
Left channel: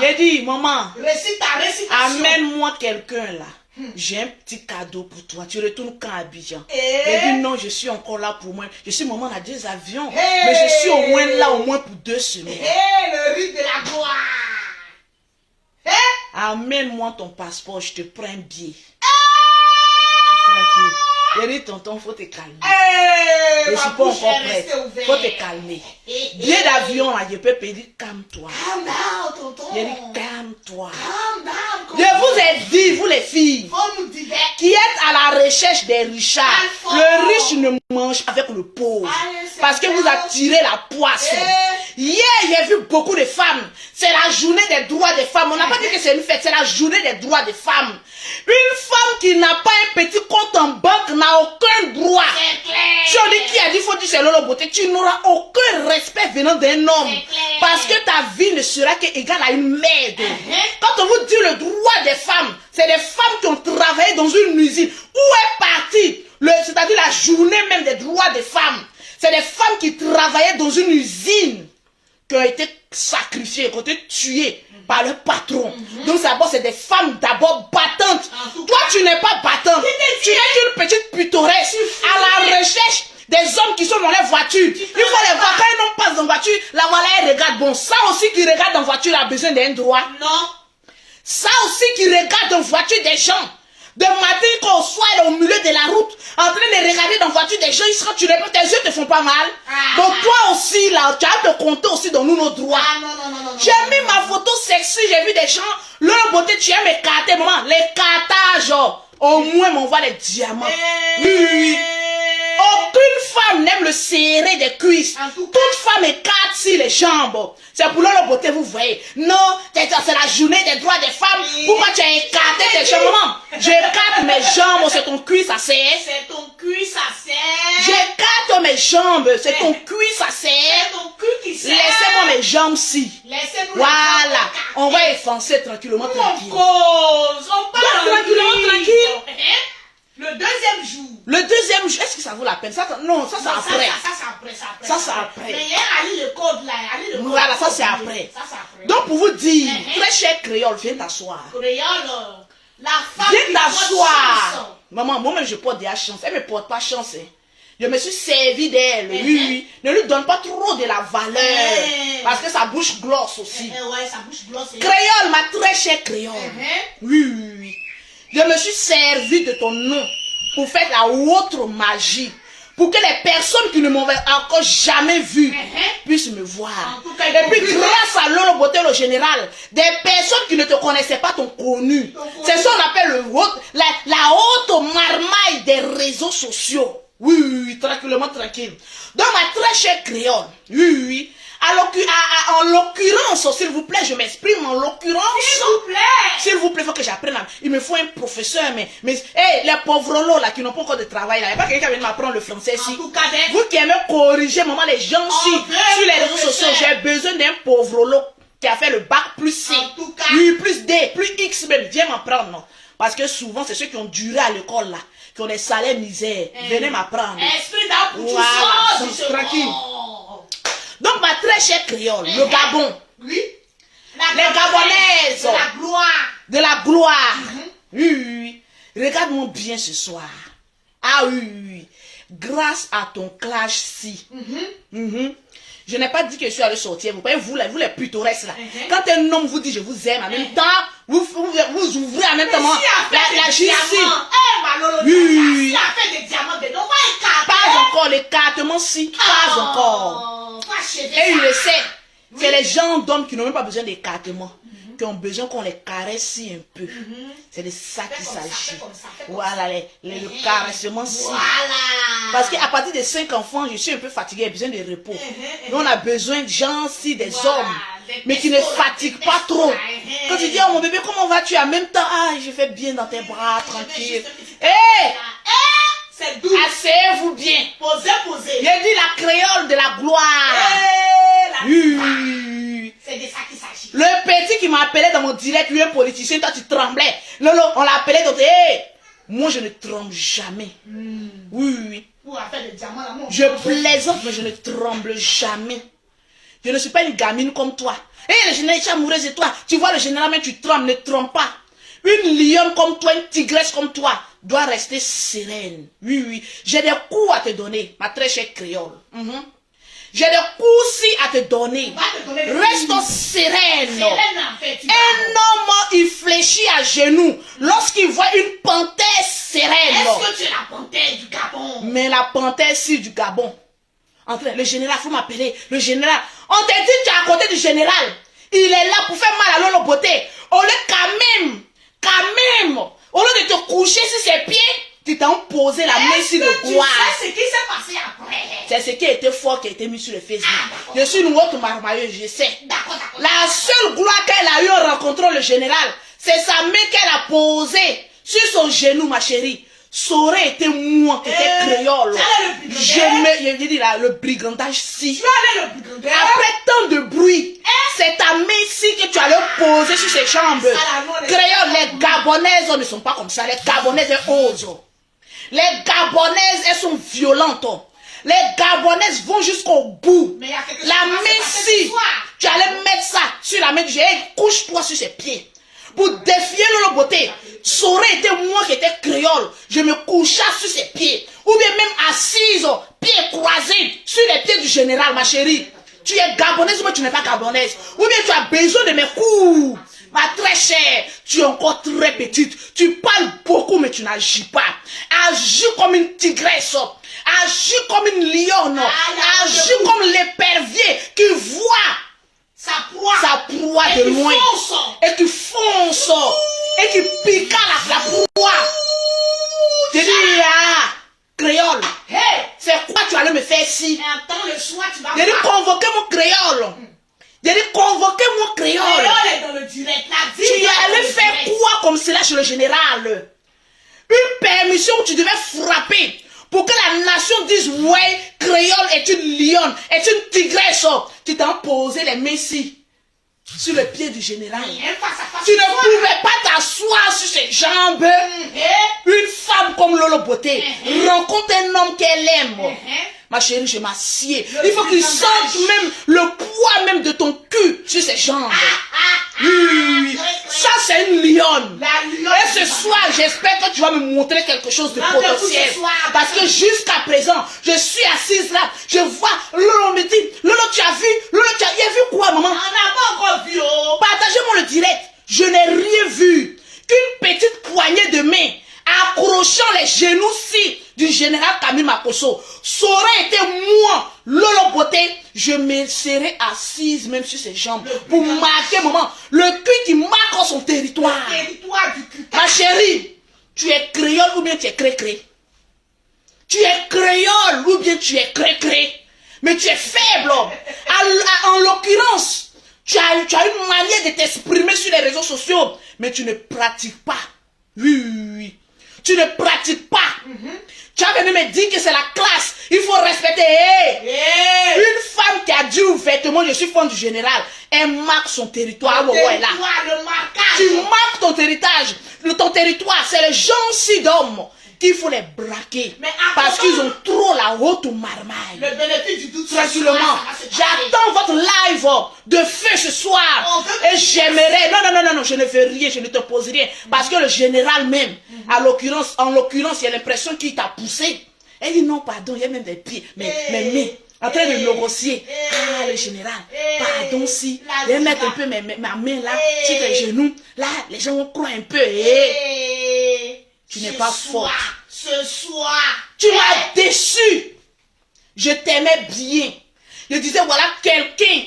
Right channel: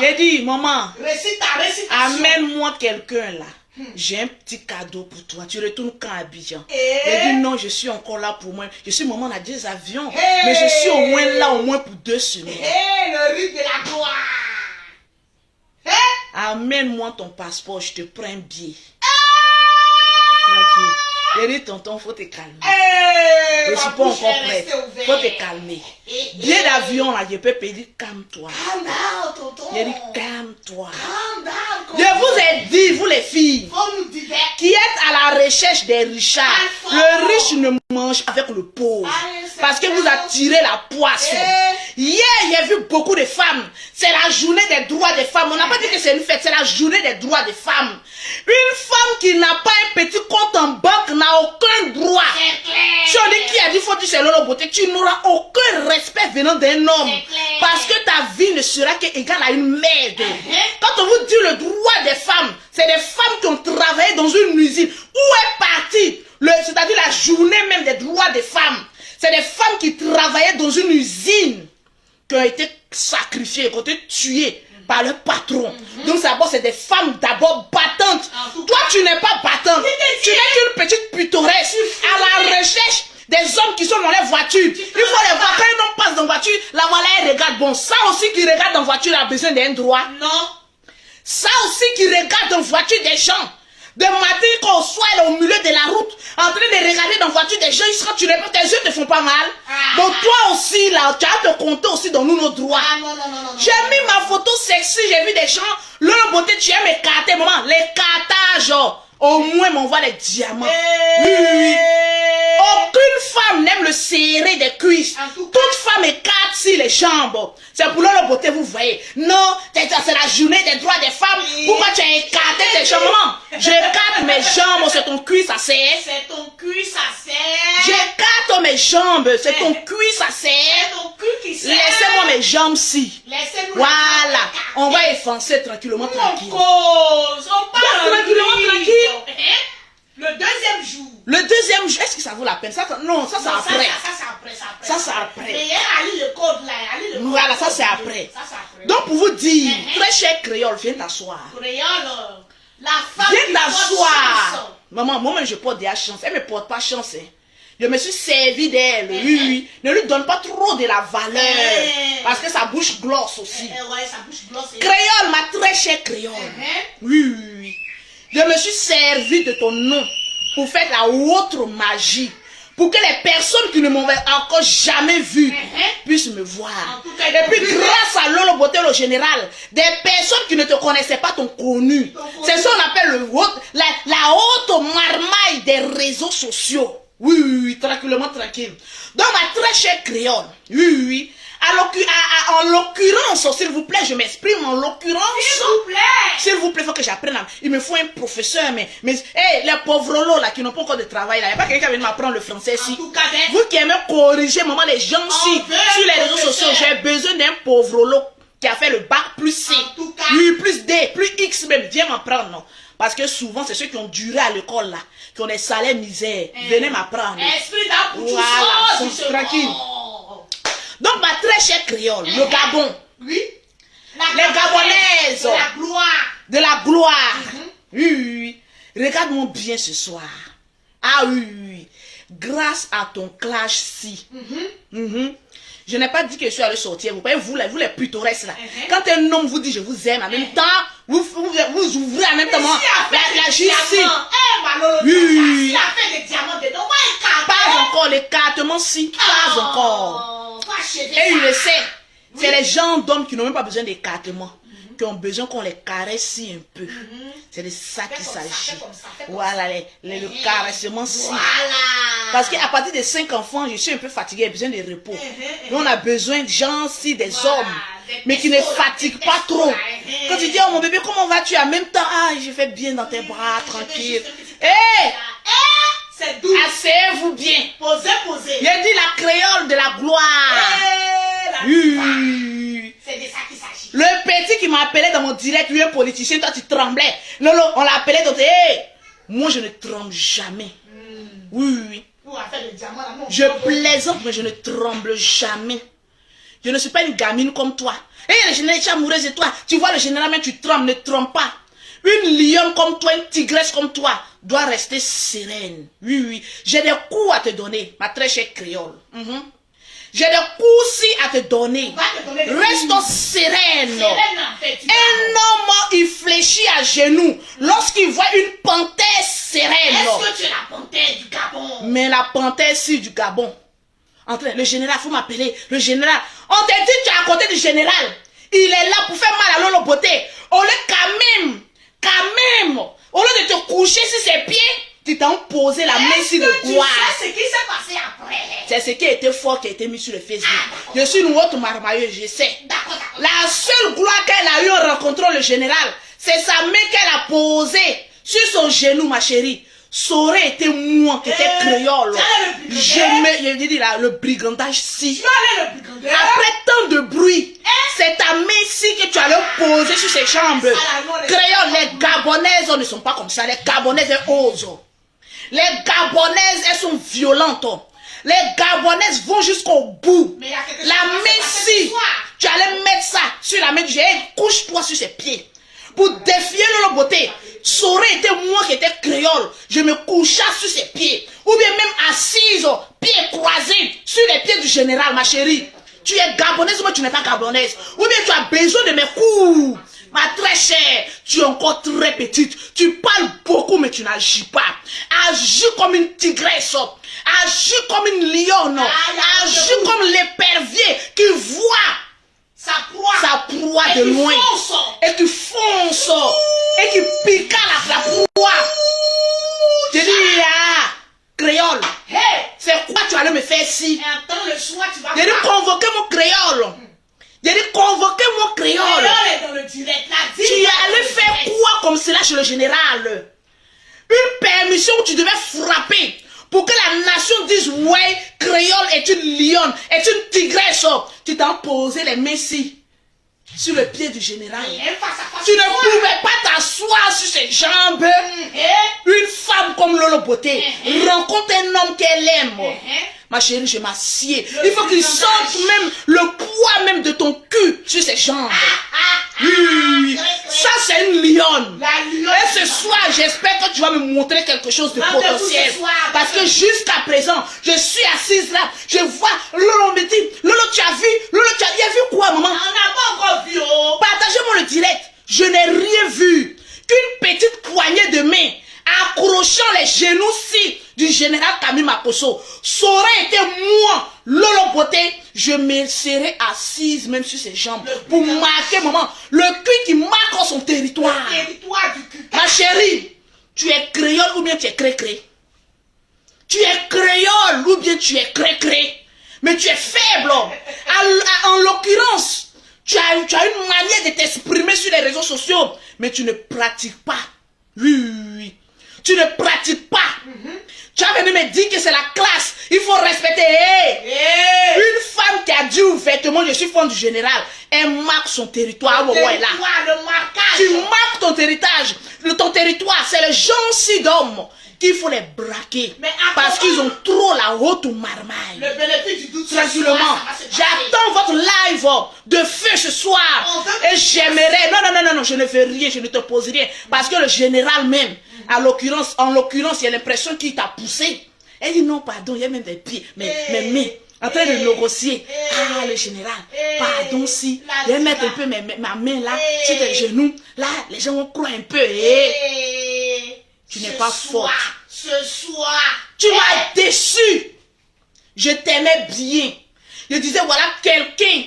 J'ai dit, maman, récite ta récitation. amène-moi quelqu'un là. J'ai un petit cadeau pour toi. Tu retournes quand à Abidjan? J'ai dit non, je suis encore là pour moi. Je suis maman, on a des avions. Mais je suis au moins là, au moins pour 2 semaines. Le rythme de la gloire. Amène-moi ton passeport, je te prends un billet. Tranquille. J'ai dit, tonton, faut te calmer. Je ne suis pas encore prête. Faut te calmer. Billet d'avion, là, je peux payer. Calme-toi. Calm down, tonton. J'ai dit, calme-toi. Calm down. Je vous ai dit, vous les filles, Faut nous dire qui êtes à la recherche des richards, le riche ne mange avec le pauvre. Parce que vous attirez la poisse. Hier, j'ai vu beaucoup de femmes. C'est la journée des droits des femmes. On n'a pas dit que c'est une fête, c'est la journée des droits des femmes. Une femme qui n'a pas un petit compte en banque n'a aucun droit. Celui qui a dit faut dire c'est Lolo Beauté, tu n'auras aucun respect venant d'un homme. Parce que ta vie ne sera qu'égale à une merde. Quand on vous dit le droit des femmes, c'est des femmes qui ont travaillé dans une usine. Où est parti, c'est-à-dire la journée même des droits des femmes? C'est des femmes qui travaillaient dans une usine, qui ont été sacrifiées, qui ont été tuées par leur patron. Donc d'abord, c'est des femmes d'abord battantes. Toi, tu n'es pas battante. Tu n'es qu'une petite pittoresque à la recherche des hommes qui sont dans les voitures. Il faut les voir. Quand un homme passe dans la voiture, la voilà, elle regarde. Bon, ça aussi qui regarde dans la voiture a besoin d'un droit. non. Ça aussi qui regarde dans la voiture des gens. De matin qu'on soit au milieu de la route, en train de regarder dans la voiture des gens, quand tu réponds, tes yeux te font pas mal. Donc toi aussi, là, tu as te compter aussi dans nos droits. Non. J'ai mis ma photo sexy, j'ai vu des gens, leur beauté, tu aimes écarter, maman, l'écartage, au moins m'envoie des diamants. Oui. Aucune femme n'aime le serrer des cuisses. Toute femme écarte sur les jambes. C'est pour leur beauté, vous voyez. Non, c'est la journée des droits des femmes. Pourquoi tu as écarté tes jambes? Maman, j'écarte mes jambes, c'est ton cuisse, ça serre. C'est ton cul, ça serre. J'écarte mes jambes, c'est ton cuisse, ça serre. C'est ton cul qui serre. Laissez-moi mes jambes-ci. Laissez-nous. Voilà, on va effacer tranquillement, tranquille. On parle tranquillement, tranquille. Le deuxième jour. Le deuxième jour, est-ce que ça vaut la peine? Ça, non, ça c'est après. Ça c'est après. Mais il y a Ali le code là. Voilà, ça c'est après. Ça c'est après. Donc pour vous dire, très cher créole, viens t'asseoir. Créole, la femme. Viens t'asseoir. Maman, moi-même je porte des chance. Elle ne me porte pas chance. Hein. Je me suis servi d'elle. Oui. Ne lui donne pas trop de la valeur. Parce que sa bouche glosse aussi. Ouais, sa bouche glosse. Créole, ma très chère créole. Oui. Je me suis servi de ton nom pour faire la autre magie. Pour que les personnes qui ne m'ont encore jamais vu puissent me voir. Et puis grâce à Lolo Beauté le général, des personnes qui ne te connaissaient pas t'ont connu. C'est ça qu'on appelle la haute marmaille des réseaux sociaux. Oui, tranquillement, tranquille. Donc ma très chère créole, oui, En l'occurrence, s'il vous plaît, je m'exprime en l'occurrence. S'il vous plaît, il faut que j'apprenne. Il me faut un professeur, mais hey, les pauvres lots là qui n'ont pas encore de travail là, il n'y a pas quelqu'un qui vient m'apprendre le français ici. Vous qui aimez corriger, maman, les gens sur les réseaux sociaux, j'ai besoin d'un pauvre lot qui a fait le bac plus C, plus D, plus X même, viens m'apprendre, non? Parce que souvent, c'est ceux qui ont duré à l'école là, qui ont des salaires misères. Venez m'apprendre. Esprit d'âme, voilà, tranquille. Donc, ma très chère créole, le Gabon. Oui. Les Gabonaises. De la gloire. De la gloire. Oui. Regarde-moi bien ce soir. Ah oui. Grâce à ton clash-ci. Je n'ai pas dit que je suis allé sortir. Vous voyez, vous les pittoresques là. Quand un homme vous dit je vous aime, en même temps, vous ouvrez en même temps la justice. Oui. Il a fait des diamants dedans. Pas encore, l'écartement si. Pas encore. Et il le sait. C'est les gens d'hommes qui n'ont même pas besoin d'écartement. Qui ont besoin qu'on les caresse si un peu. C'est de ça qu'il s'agit. Voilà, le caressement si. Parce qu'à partir de 5 enfants, je suis un peu fatiguée, j'ai besoin de repos. Donc on a besoin de gens si, des hommes, mais qui ne fatiguent pas trop. Quand tu dis, oh mon bébé, comment vas-tu? En même temps, ah, je fais bien dans tes bras, tranquille. Hé! C'est doux. Asseyez-vous bien. Posez. J'ai dit la créole de la gloire. C'est de ça qu'il s'agit. Le petit qui m'appelait dans mon direct, lui un politicien, toi tu tremblais. Non, on l'appelait comme hey, moi je ne tremble jamais. Oui. Je plaisante, mais je ne tremble jamais. Je ne suis pas une gamine comme toi. Le général est amoureuse de toi. Tu vois le général, mais tu trembles, ne tremble pas. Une lionne comme toi, une tigresse comme toi, doit rester sereine. Oui. J'ai des coups à te donner, ma très chère créole. J'ai des coups à te donner. Reste sereine. Un homme, il fléchit à genoux lorsqu'il voit une panthère sereine. Est-ce que tu es la panthère du Gabon? Mais la panthère si du Gabon. Le général, il faut m'appeler. Le général. On t'a dit que tu es à côté du général. Il est là pour faire mal à Lolo Beauté. Au lieu quand même, au lieu de te coucher sur ses pieds, tu t'as posé la main sur le gloire. Tu sais ce qui s'est passé après? C'est ce qui a été fort, qui a été mis sur le Facebook. Je suis une autre marmailleuse, je sais. La seule gloire qu'elle a eu en rencontrant le général, c'est sa main qu'elle a posée sur son genou, ma chérie. Ça aurait été moi qui étais créole. Je dis là, le brigandage si. Après tant de bruit, c'est ta main ici que tu allais poser sur ses jambes. Créole, les Gabonaises ne sont pas comme ça. Les Gabonaises osent. Les Gabonaises, elles sont violentes. Les Gabonaises vont jusqu'au bout. La main ici, tu allais mettre ça sur la main du général. Couche-toi sur ses pieds. Pour défier Lolo Beauté, ça aurait été moi qui étais créole. Je me couchais sur ses pieds. Ou bien même assise, pieds croisés, sur les pieds du général, ma chérie. Tu es gabonaise, mais tu n'es pas gabonaise. Ou bien tu as besoin de mes coups. Ma très chère, tu es encore très petite. Tu parles beaucoup, mais tu n'agis pas. Agis comme une tigresse. Agis comme une lionne. Agis comme l'épervier qui voit sa proie de loin. Et tu fonces. Et tu piques la proie. Je dis, créole. C'est quoi tu allais me faire ici? Je dis, convoquer mon créole. Je dis, convoquer mon créole. Tu allais faire quoi comme cela chez le général? Une permission où tu devais frapper. Pour que la nation dise, ouais, créole est une lionne, est une tigresse. Tu t'as posé les mains ici, sur le pied du général. Tu ne pouvais pas t'asseoir sur ses jambes. Une femme comme Lolo Beauté rencontre un homme qu'elle aime. Ma chérie, je m'assieds. Il faut qu'il sente même le poids même de ton cul sur ses jambes. Oui, ça c'est une lionne. Et ce soir, j'espère que tu vas me montrer quelque chose de potentiel. Parce que jusqu'à présent, je suis assise là. Je vois, Lolo me dit, Lolo tu as vu? Lolo tu as vu quoi, maman? On n'a pas encore vu. Partagez-moi le direct. Je n'ai rien vu. Qu'une petite poignée de main accrochant les genoux-ci du général Camille Makosso. Ça aurait été moi, Lolo Beauté, je me serais assise même sur ses jambes pour marquer, maman, le cul qui marque son territoire. Le territoire du cul. Ma chérie, tu es créole ou bien tu es cré-cré? Tu es créole ou bien tu es cré-cré? Mais tu es faible. En l'occurrence, tu as une manière de t'exprimer sur les réseaux sociaux, mais tu ne pratiques pas. Oui. Tu ne pratiques pas. Tu as venu me dire que c'est la classe. Il faut respecter. Une femme qui a dit ouvertement, je suis femme du général, elle marque son territoire. Tu marques ton héritage. Ton territoire, c'est les gens d'hommes qu'il faut les braquer. Parce qu'ils ont trop la haute marmaille. Le bénéfice du doute. Tranquillement. J'attends votre live de feu ce soir. Et j'aimerais. Non, je ne fais rien, je ne te pose rien. Parce que le général même, en l'occurrence, il a l'impression qu'il t'a poussé. Elle dit non, pardon, il y a même des pieds. Mais, en train de négocier. Ah, le général, pardon, si. Je vais mettre un peu ma main là, sur tes genoux. Là, les gens vont croire un peu. Tu n'es pas forte. Ce soir. Tu m'as déçu. Je t'aimais bien. Je disais, voilà quelqu'un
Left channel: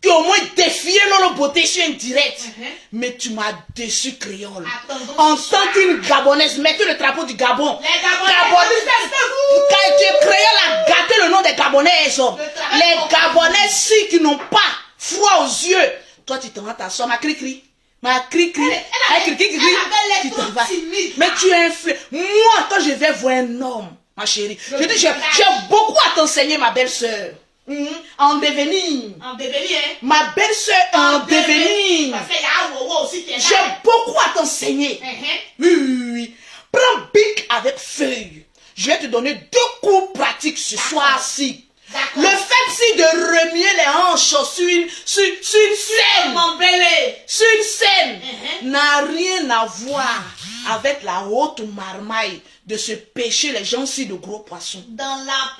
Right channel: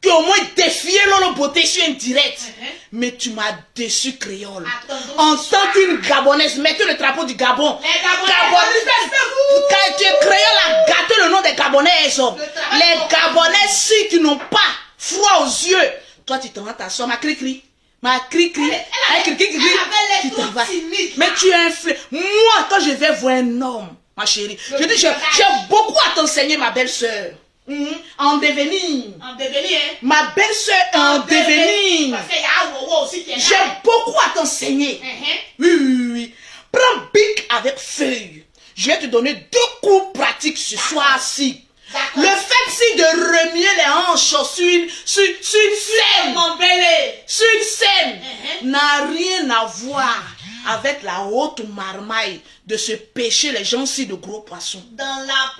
qui au moins défiait Lolo Beauté sur un direct. Mais tu m'as déçu, créole. En tant qu'une Gabonaise, mettez le drapeau du Gabon. Les Gabonaises, tu es créole à gâter le nom des Gabonaises. Les Gabonaises qui n'ont pas froid aux yeux. Toi, tu t'en vas t'asseoir, ma cri-cri. Ma cri-cri. Tu t'en vas. Mais tu es un frère. Moi, quand je vais voir un homme, ma chérie, je dis, j'ai beaucoup à t'enseigner, ma belle-sœur. En devenir. En devenir, hein? Ma belle-sœur en devenir. Parce qu'il y a un wowo aussi qui est là. J'ai beaucoup à t'enseigner. Oui. Prends bic avec feuille. Je vais te donner 2 cours pratiques ce soir-ci. Le fait de remuer les hanches sur une scène, mon bébé, sur une scène, n'a rien à voir avec la haute marmaille de se pêcher les gens-ci de gros poissons. Dans la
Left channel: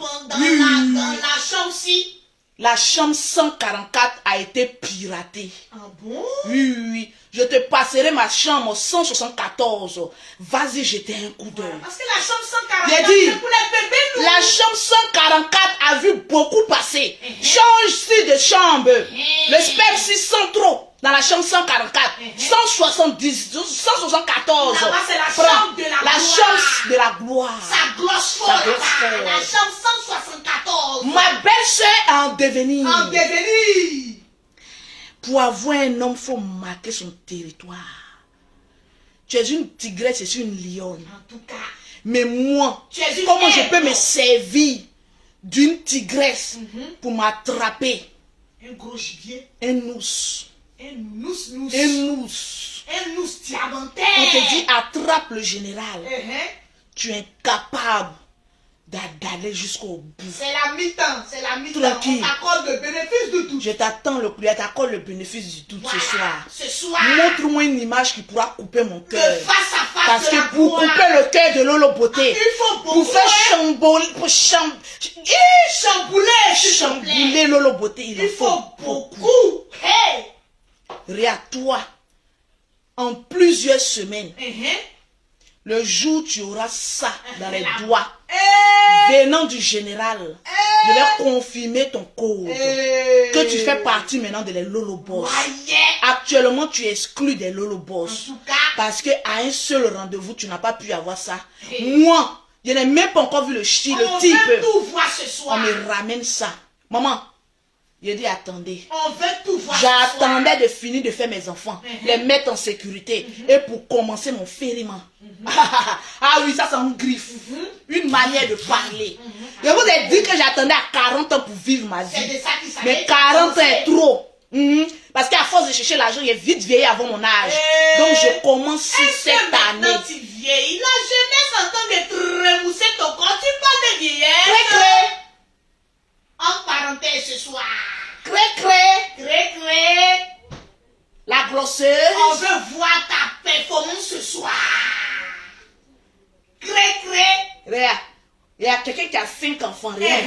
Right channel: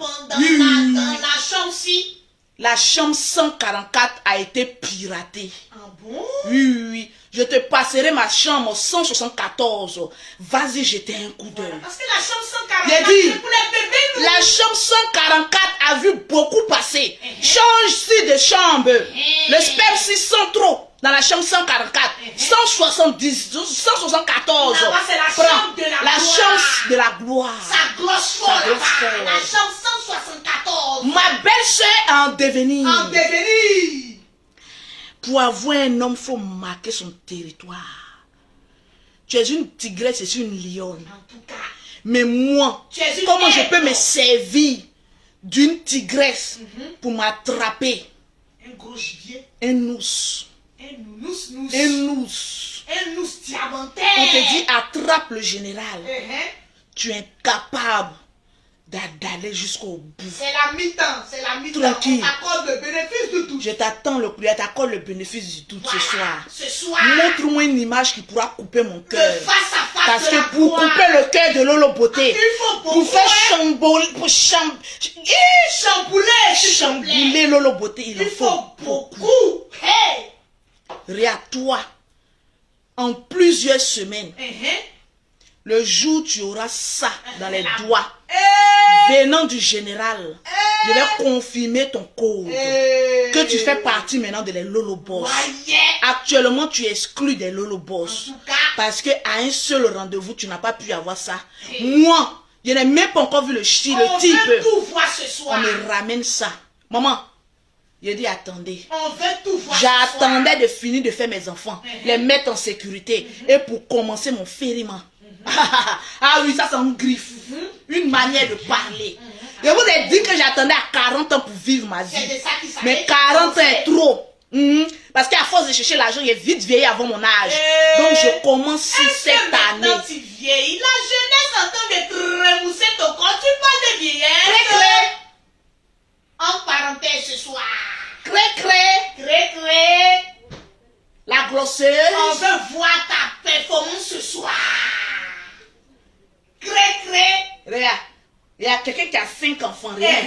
chambre-ci. La chambre 144 a été piratée. Ah bon? Oui. Je te passerai ma chambre 174. Vas-y, jeter un coup d'œil. Parce que la chambre 144, J'ai dit, c'est pour les bébés, nous. la chambre 144 a vu beaucoup passer. Change-ci de chambre. Le sperme 600 trop dans la chambre 144. 174. Là-bas, c'est la Prends chambre de la la gloire. chambre de la gloire. Ça glosse fort. Ça glosse là-bas. fort. La chambre 174. Ma belle-sœur en devenir. En devenir. Pour avoir un homme, il faut marquer son territoire. Tu es une tigresse et une lionne. En tout cas. Mais moi, Tu es une comment je aigle. peux me servir d'une tigresse pour m'attraper Un gros gibier. un ours? Un nous. Un ours. Un nous diamantaire. On te dit attrape le général. Tu es incapable d'aller jusqu'au bout. C'est la mi-temps. C'est la mi-temps. Tranquille. On t'accorde le bénéfice du doute. Je t'attends t'accorde le bénéfice du doute ce soir. Ce soir. Montre-moi une image qui pourra couper mon Le cœur. face à face. Parce de la que pour gloire. couper le cœur de Lolo Beauté, Il faut beaucoup. pour faire chambouler, chambouler Lolo Beauté, Il faut beaucoup. Hey. Regarde-toi, en plusieurs semaines, le jour où tu auras ça dans les doigts, venant du général, je vais confirmer ton code. Que tu fais partie maintenant de les Lolo Boss. Actuellement, tu es exclu des Lolo Boss. En tout cas. Parce qu'à un seul rendez-vous, tu n'as pas pu avoir ça. Moi, je n'ai même pas encore vu le type. On veut tout voir ce soir. On me ramène ça. Maman, je dis attendez. On veut tout voir ce soir. J'attendais de finir de faire mes enfants, les mettre en sécurité et pour commencer mon fériment. Ah oui, ça c'est une griffe. Une manière de parler. Je vous ai dit que j'attendais à 40 ans pour vivre ma C'est vie. de ça qu'il s'agit. Mais 40 ans est trop. Parce qu'à force de chercher l'argent, j'ai vite vieilli avant mon âge. Donc je commence cette année. Maintenant tu vieillis. La jeunesse en train de te remousser ton corps. Tu parles de vieillesse. Cré. En parenthèse ce soir. Cré. La grosseuse. On veut voir ta performance ce soir. Regarde, il y a quelqu'un qui a 5 enfants. Regarde,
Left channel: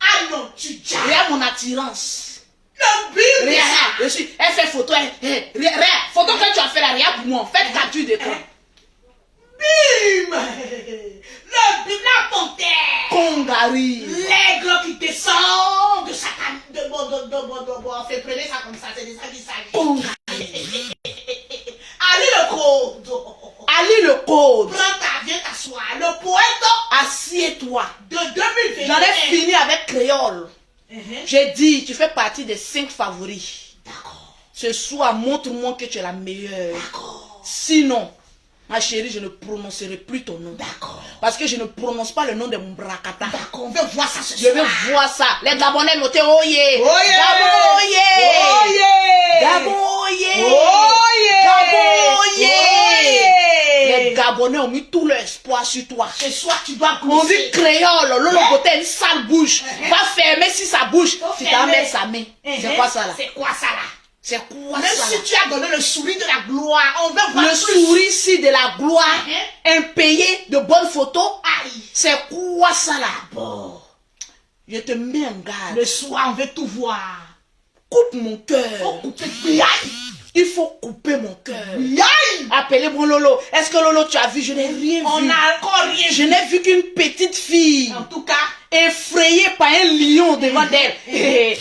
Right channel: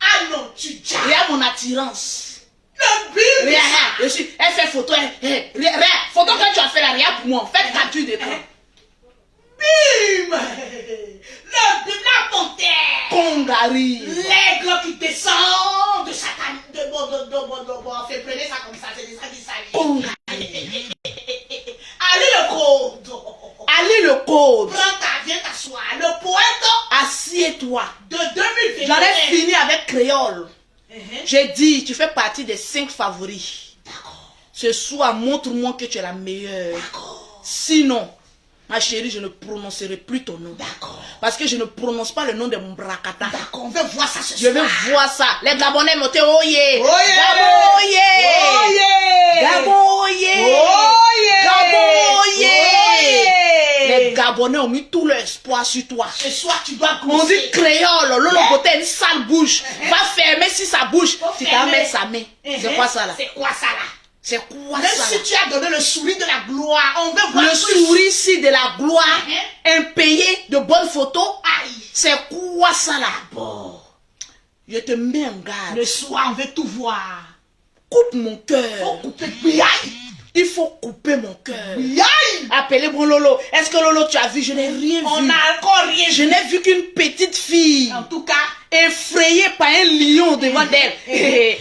Ah non, tu dis. regarde mon attirance. Le but. Regarde, elle fait photo. Regarde, photo que tu as fait là, regarde pour moi. Faites capture d'écran. Bim. Le bim, la panthère. Congari. L'aigle qui descend de Satan. Fait prenez ça comme ça, c'est de ça qu'il s'agit. Congari. Allez le code. Allez le code. Viens t'asseoir. Le poète Assieds-toi. de 2021. J'en ai fini avec créole. J'ai dit, tu fais partie des 5 favoris. D'accord. Ce soir, montre-moi que tu es la meilleure. D'accord. Sinon, ma chérie, je ne prononcerai plus ton nom. D'accord. Parce que je ne prononce pas le nom de mon brakata. D'accord, on veut voir ça ce Je soir. veux voir ça. Les Gabonais notaient Oye. Oye. Gabo Oye. Oye. Gabo Oye. Oye. Gabo Oye. Oye. Les Gabonais ont mis tout leur espoir sur toi. Ce soir, tu dois On dit pousser. créole, Lolo Boté a une sale bouche. Va fermer si ça bouge. Faut Tu fermer. t'en mets sa main. C'est quoi ça là? C'est quoi ça là? C'est quoi Même ça si là? tu as donné le sourire de la gloire, on veut voir Le plus. sourire de la gloire, impayé de bonnes photos. Aïe. C'est quoi ça là? Bon. Je te mets en garde. Le soir, on veut tout voir. Coupe mon Faut cœur. couper. Biaï. Il faut couper mon cœur. Biaï. Appelez-moi Lolo. Est-ce que Lolo tu as vu? Je n'ai rien On vu. n'a encore rien Je vu. n'ai vu qu'une petite fille En tout cas, effrayée par un lion devant d'elle. avec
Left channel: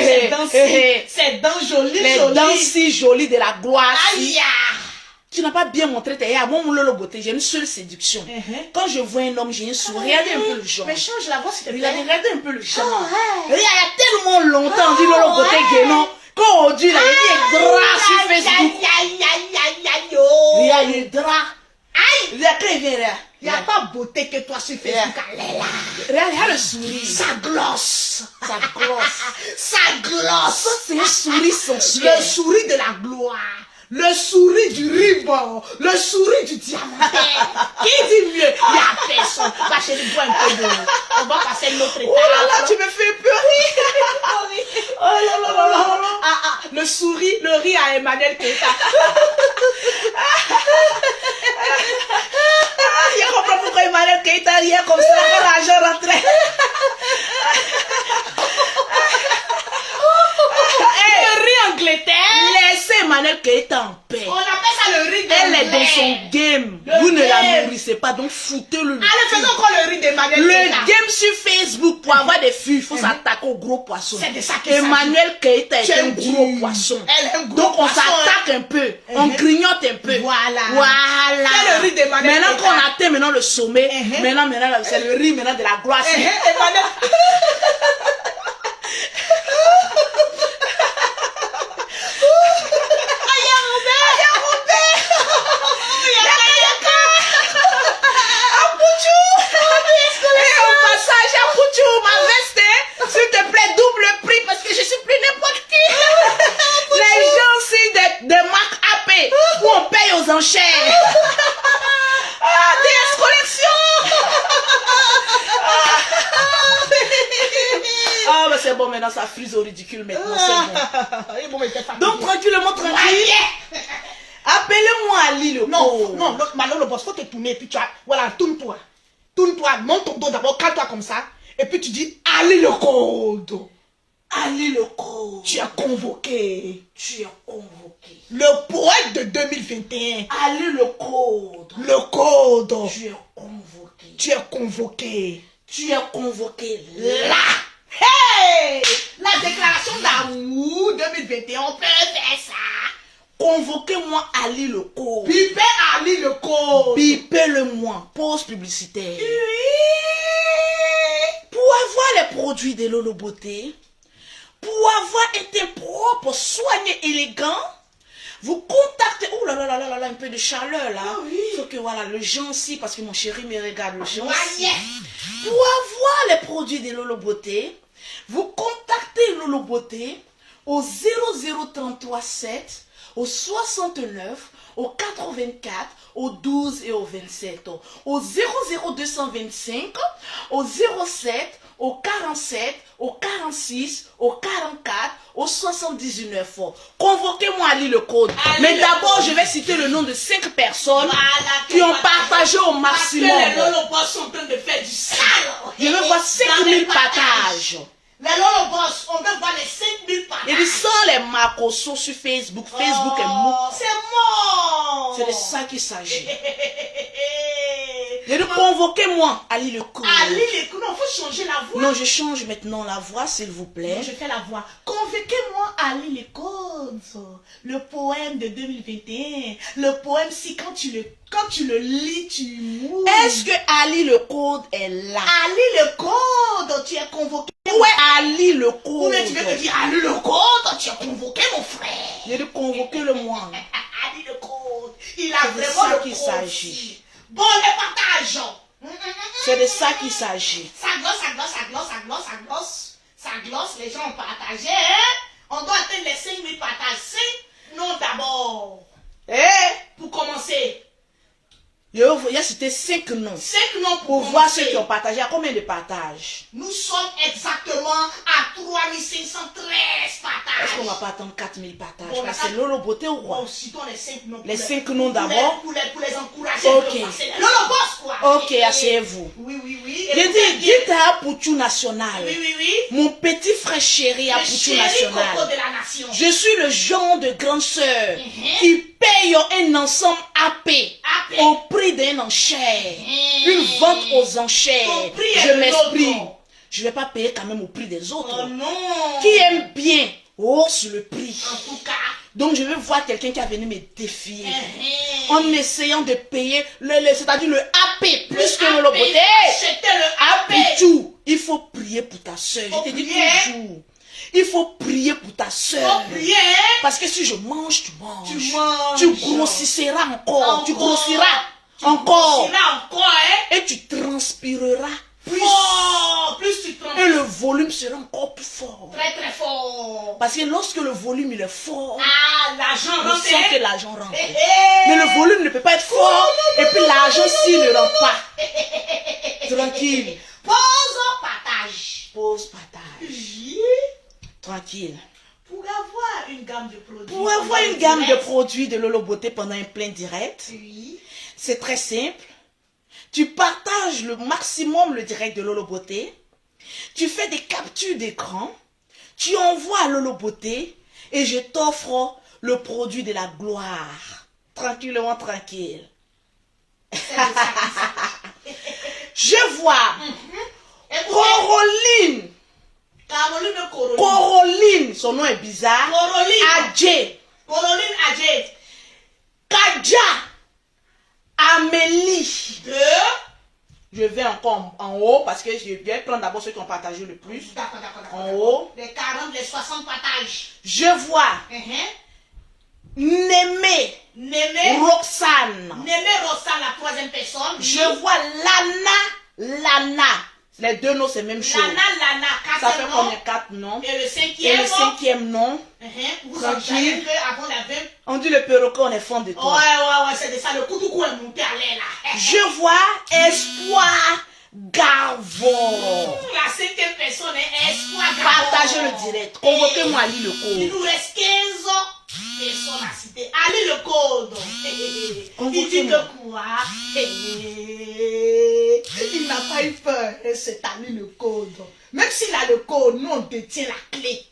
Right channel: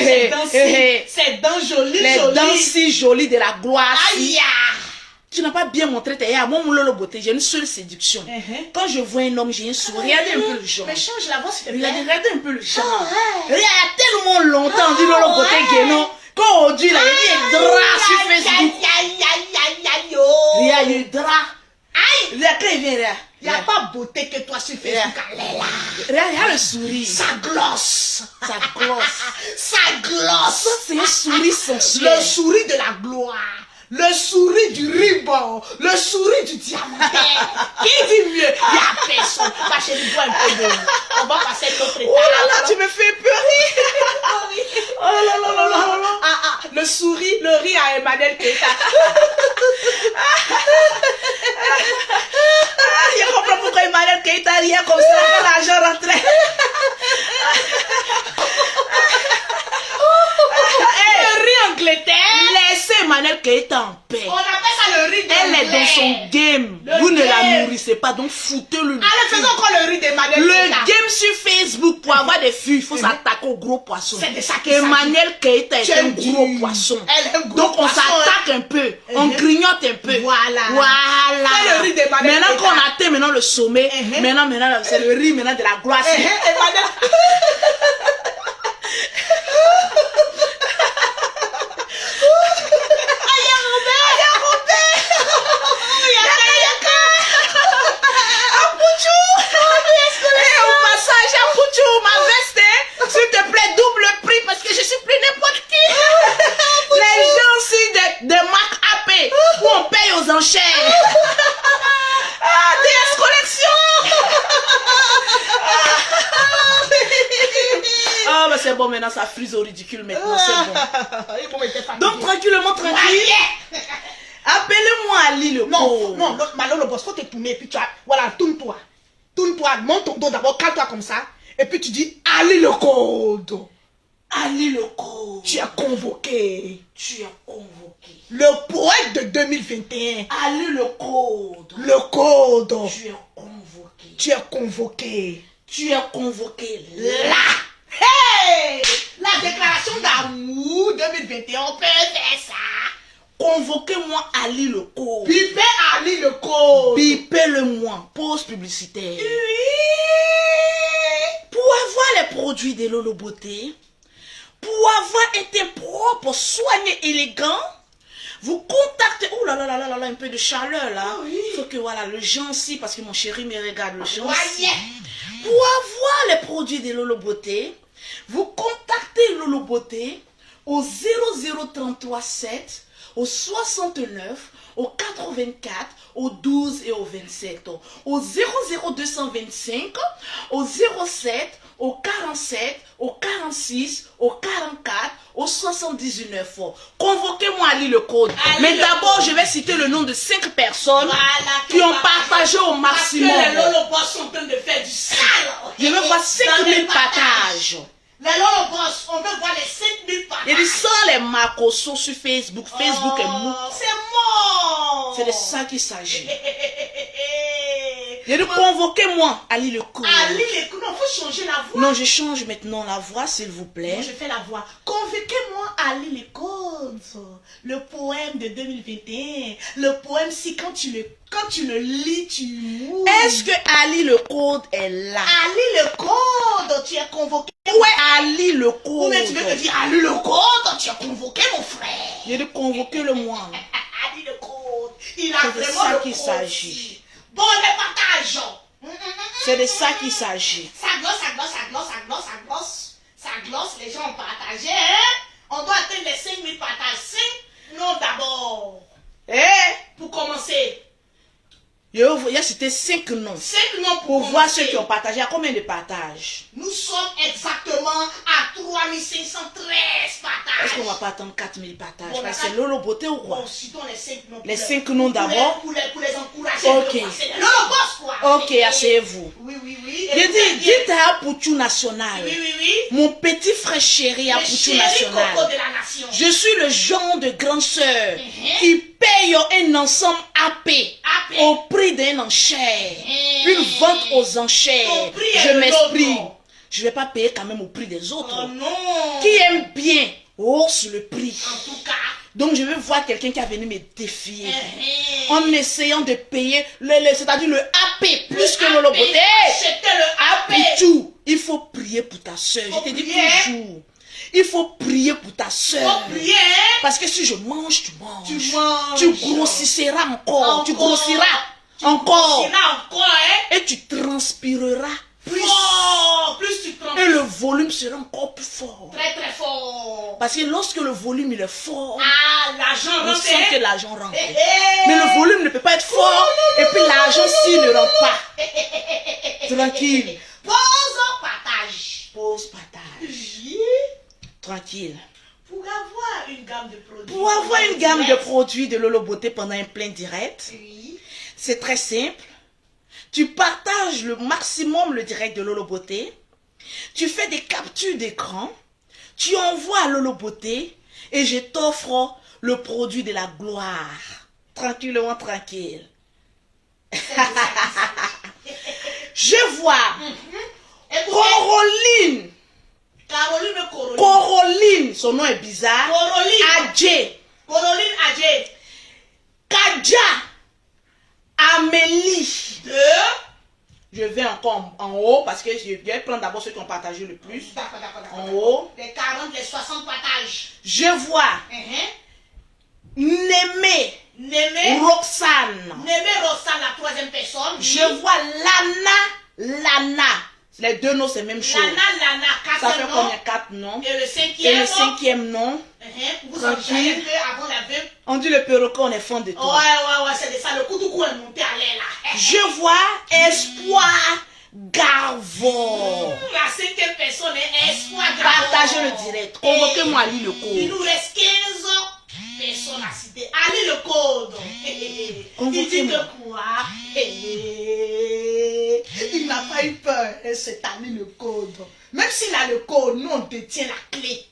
ses dents ses dents jolies, Les jolies. dents si jolies de la gloire. Aïe. Tu n'as pas bien montré tes yeux. Moi, mon Lolo beauté, j'ai une seule séduction. Quand je vois un homme, j'ai un sourire. Regardez un peu le genre. Mais change la voix, s'il te Regardez, plaît. regardez un peu le genre. ouais. Regarde, il y a tellement longtemps, on dit Lolo beauté guénon. Quand on dit là, il y a des draps sur Facebook. Aïe, oh. Regarde, il y a des draps. Aïe. Regarde, quand il vient là. Il n'y a pas beauté que toi sur Facebook. Elle est là. Regarde le sourire. Ça glosse. Ça glosse. Ça glosse. Ça, c'est un sourire sensuel. Le sourire de la gloire. Le sourire du ruban. Le sourire du diamant. Qui dit mieux? Il n'y a personne. Ma chérie, bois un peu d'eau. On va passer notre étape. Oh là là, tu me fais pleurer. Oh là là là là là. Ah, le sourire, le rire à Emmanuel Keita. Il a compris pourquoi Emmanuel Keita riait comme ça quand l'argent rentrait. Le rire Angleterre. Laissez Emmanuel Keita en paix. On appelle ça le rire de Elle est dans son game. Le Vous ne la game. nourrissez pas, donc foutez-le. Allez, faisons encore le rire d'Emmanuel Le Keita. game sur Facebook, pour avoir des filles, il faut s'attaquer aux gros poissons. C'est de ça qu'il Emmanuel Keita est un Quel gros dieu. poisson. Elle est un gros Donc on poisson. s'attaque un peu, on grignote un peu. Voilà. Voilà. C'est le riz d'Emmanuel Maintenant Keita. qu'on atteint maintenant le sommet, maintenant c'est le riz maintenant de la gloire. Emmanuel. S'il te plaît, double prix parce que je suis plus n'importe qui. Les gens aussi des marques AP où on paye aux enchères. DS Collection. Ah, mais c'est bon, maintenant ça frise au ridicule maintenant, c'est bon. Donc, tranquillement, tranquille. Appelez-moi Ali le pauvre. Non, maintenant le boss, faut te tourner et puis tu as, voilà, tourne-toi. Tourne-toi, monte ton dos d'abord, calme-toi comme ça. Et puis tu dis, Ali le code. Ali le code. Tu es convoqué. Tu es convoqué. Le poète de 2021. Ali le code. Le code. Tu es convoqué. Tu es convoqué. Tu es convoqué Là. Hey! La déclaration d'amour 2021, on peut faire ça. Convoquez-moi Ali le code. Bipez Ali le code. Bipez-le-moi. Pause publicitaire. Pour avoir les produits de Lolo Beauté, pour avoir un teint propre, soigné, élégant, vous contactez. Oh là là là là là, un peu de chaleur là. Ah oui. Faut que voilà, le gentil, parce que mon chéri me regarde, le gentil. Voyez. Pour avoir les produits de Lolo Beauté, vous contactez Lolo Beauté au 00337, au 69, au 84, au 12 et au 27, au 00225, au 07, au 47, au 46, au 44, au 79. Convoquez-moi Ali le code. Ali Mais le d'abord, code. je vais citer le nom de 5 personnes Voilà, qui ont partagé au maximum. Parce que les Lolo-Boss sont en train de faire du sale. Je veux voir 5000 Dans les partages. Les Lolo-Boss, on veut voir les 5000 partages. Et ils sont les Marcosos sur Facebook. Facebook est mou. C'est mort. C'est de ça qu'il s'agit. J'ai dit convoquez-moi, Ali le Code. Ali le Code, non, faut changer la voix. Non, je change maintenant la voix, s'il vous plaît. Non, je fais la voix. Convoquez-moi Ali le Code. Le poème de 2021. Le poème, si quand tu le lis, tu mourras. Est-ce que Ali le Code est là? Ali le Code, tu es convoqué. Où est Ali le Code? Ou bien tu veux me dire Ali le Code, tu es convoqué, mon frère. J'ai dit convoquez-le moi. Ali le Code, il a C'est de vraiment ça le qu'il Code. s'agit. Bon, les partages. C'est de ça qu'il s'agit. Ça glosse, ça glosse, ça glosse, ça glosse, ça glosse. Ça glosse, les gens ont partagé. Hein? On doit atteindre les 5000 partages. 5 noms d'abord. Pour commencer. Il y a cité 5 noms. 5 noms Pour voir ceux qui ont partagé. À combien de partages? Nous sommes exactement à 3513 partages. Est-ce qu'on va pas attendre 4000 partages? Bon, Parce que c'est Lolo Beauté ou quoi? Bon, citons les 5 noms. Les 5 noms d'abord. Pour les encourager. Ok. C'est les Lolo Boss, quoi. Ok, asseyez-vous. Oui, oui, oui. J'ai dit, dites à Poutou National. Oui, oui, oui. Mon petit frère chéri à Le Poutou chéri National. coco de la nation. Je suis le genre de grande sœur qui paye un ensemble AP au prix d'un enchère. Une vente aux enchères. Ton prix Je est m'exprime. l'autre. Je ne vais pas payer quand même au prix des autres. Oh non. Qui aime bien hausse le prix. En tout cas. Donc je veux voir quelqu'un qui a venu me défier. En essayant de payer, c'est-à-dire le AP plus que le Loboté. C'était le AP. Poutou, il faut prier pour ta soeur. Faut Je te dis prier. toujours. Il faut prier pour ta soeur. Faut prier. Parce que si je mange, tu manges. Tu manges. Tu grossiras encore. Tu grossiras encore. C'est là encore, hein. Et tu transpireras plus. Fort. Plus tu prends. Et le volume sera encore plus fort. Très, très fort. Parce que lorsque le volume il est fort, Ah, l'argent on rentre. sent que l'argent rentre. Eh, eh. Mais le volume ne peut pas être fort. Et puis l'argent s'il ne rentre pas. Tranquille. Pause, partage. Pause partage. Oui. Tranquille. Pour avoir une gamme de produits. Pour avoir une gamme de produits de Lolo Beauté pendant un plein direct, Oui. c'est très simple. Tu partages le maximum le direct de Lolo Beauté. Tu fais des captures d'écran. Tu envoies à Lolo Beauté et je t'offre le produit de la gloire. Tranquillement, tranquille. Je vois Caroline. Caroline, son nom est bizarre. Caroline. Adjé. Caroline Adjet. Kadja. Amélie. Deux. Je vais encore en haut parce que je vais prendre d'abord ceux qui ont partagé le plus. D'accord, d'accord, d'accord. En haut. Les 40, les 60 partages. Je vois Némé. Némé. Roxane. Némé Roxane, la troisième personne. Je vois Lana. Les deux noms, c'est la même chose. Lana, Ça fait 4 noms. combien? 4 noms. Et le Et cinquième. le cinquième nom, Vous en savez que avant la 20. on dit le perroquet, on est fond de Ouais, toi. ouais, c'est de ça. Le coup du coup est monté à l'air là. Je vois Espoir Gavon. La cinquième personne est Espoir Gabon. Partagez le direct. Convoquez-moi Ali le Il code. nous reste 15 personnes à citer. Allez le code. Il dit Convoquez-moi. que quoi? Il n'a pas eu peur. C'est Ali le code. Même s'il a le code, nous on détient la clé.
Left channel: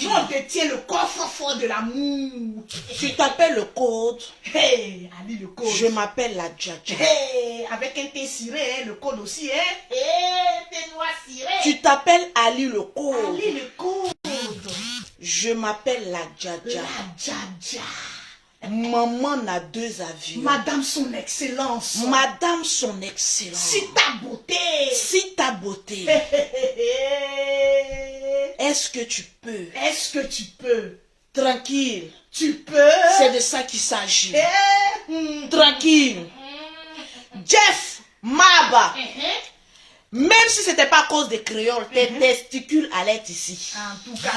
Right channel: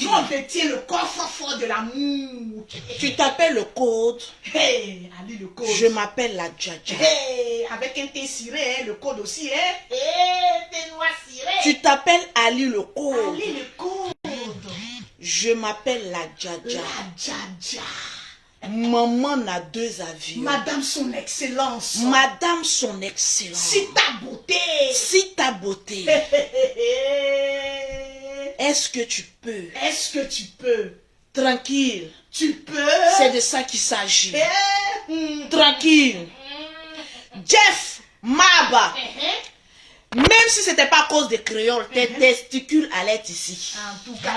Nous on détient le coffre-fort de l'amour. Tu t'appelles le code. Ali le code. Je m'appelle la Djadja. Avec un thé ciré, hein, le code aussi, hein. Thé noir ciré. Tu t'appelles Ali le code. Ali le code. Je m'appelle la Djadja. La Djadja. Maman n'a deux avis. Madame son excellence. Madame son excellence. Si ta beauté. Si ta beauté. Est-ce que tu peux? Est-ce que tu peux? Tranquille. Tu peux? C'est de ça qu'il s'agit. Tranquille. Jeff Maba. Même si ce n'était pas à cause des créoles, tes testicules allaient être ici. En tout cas,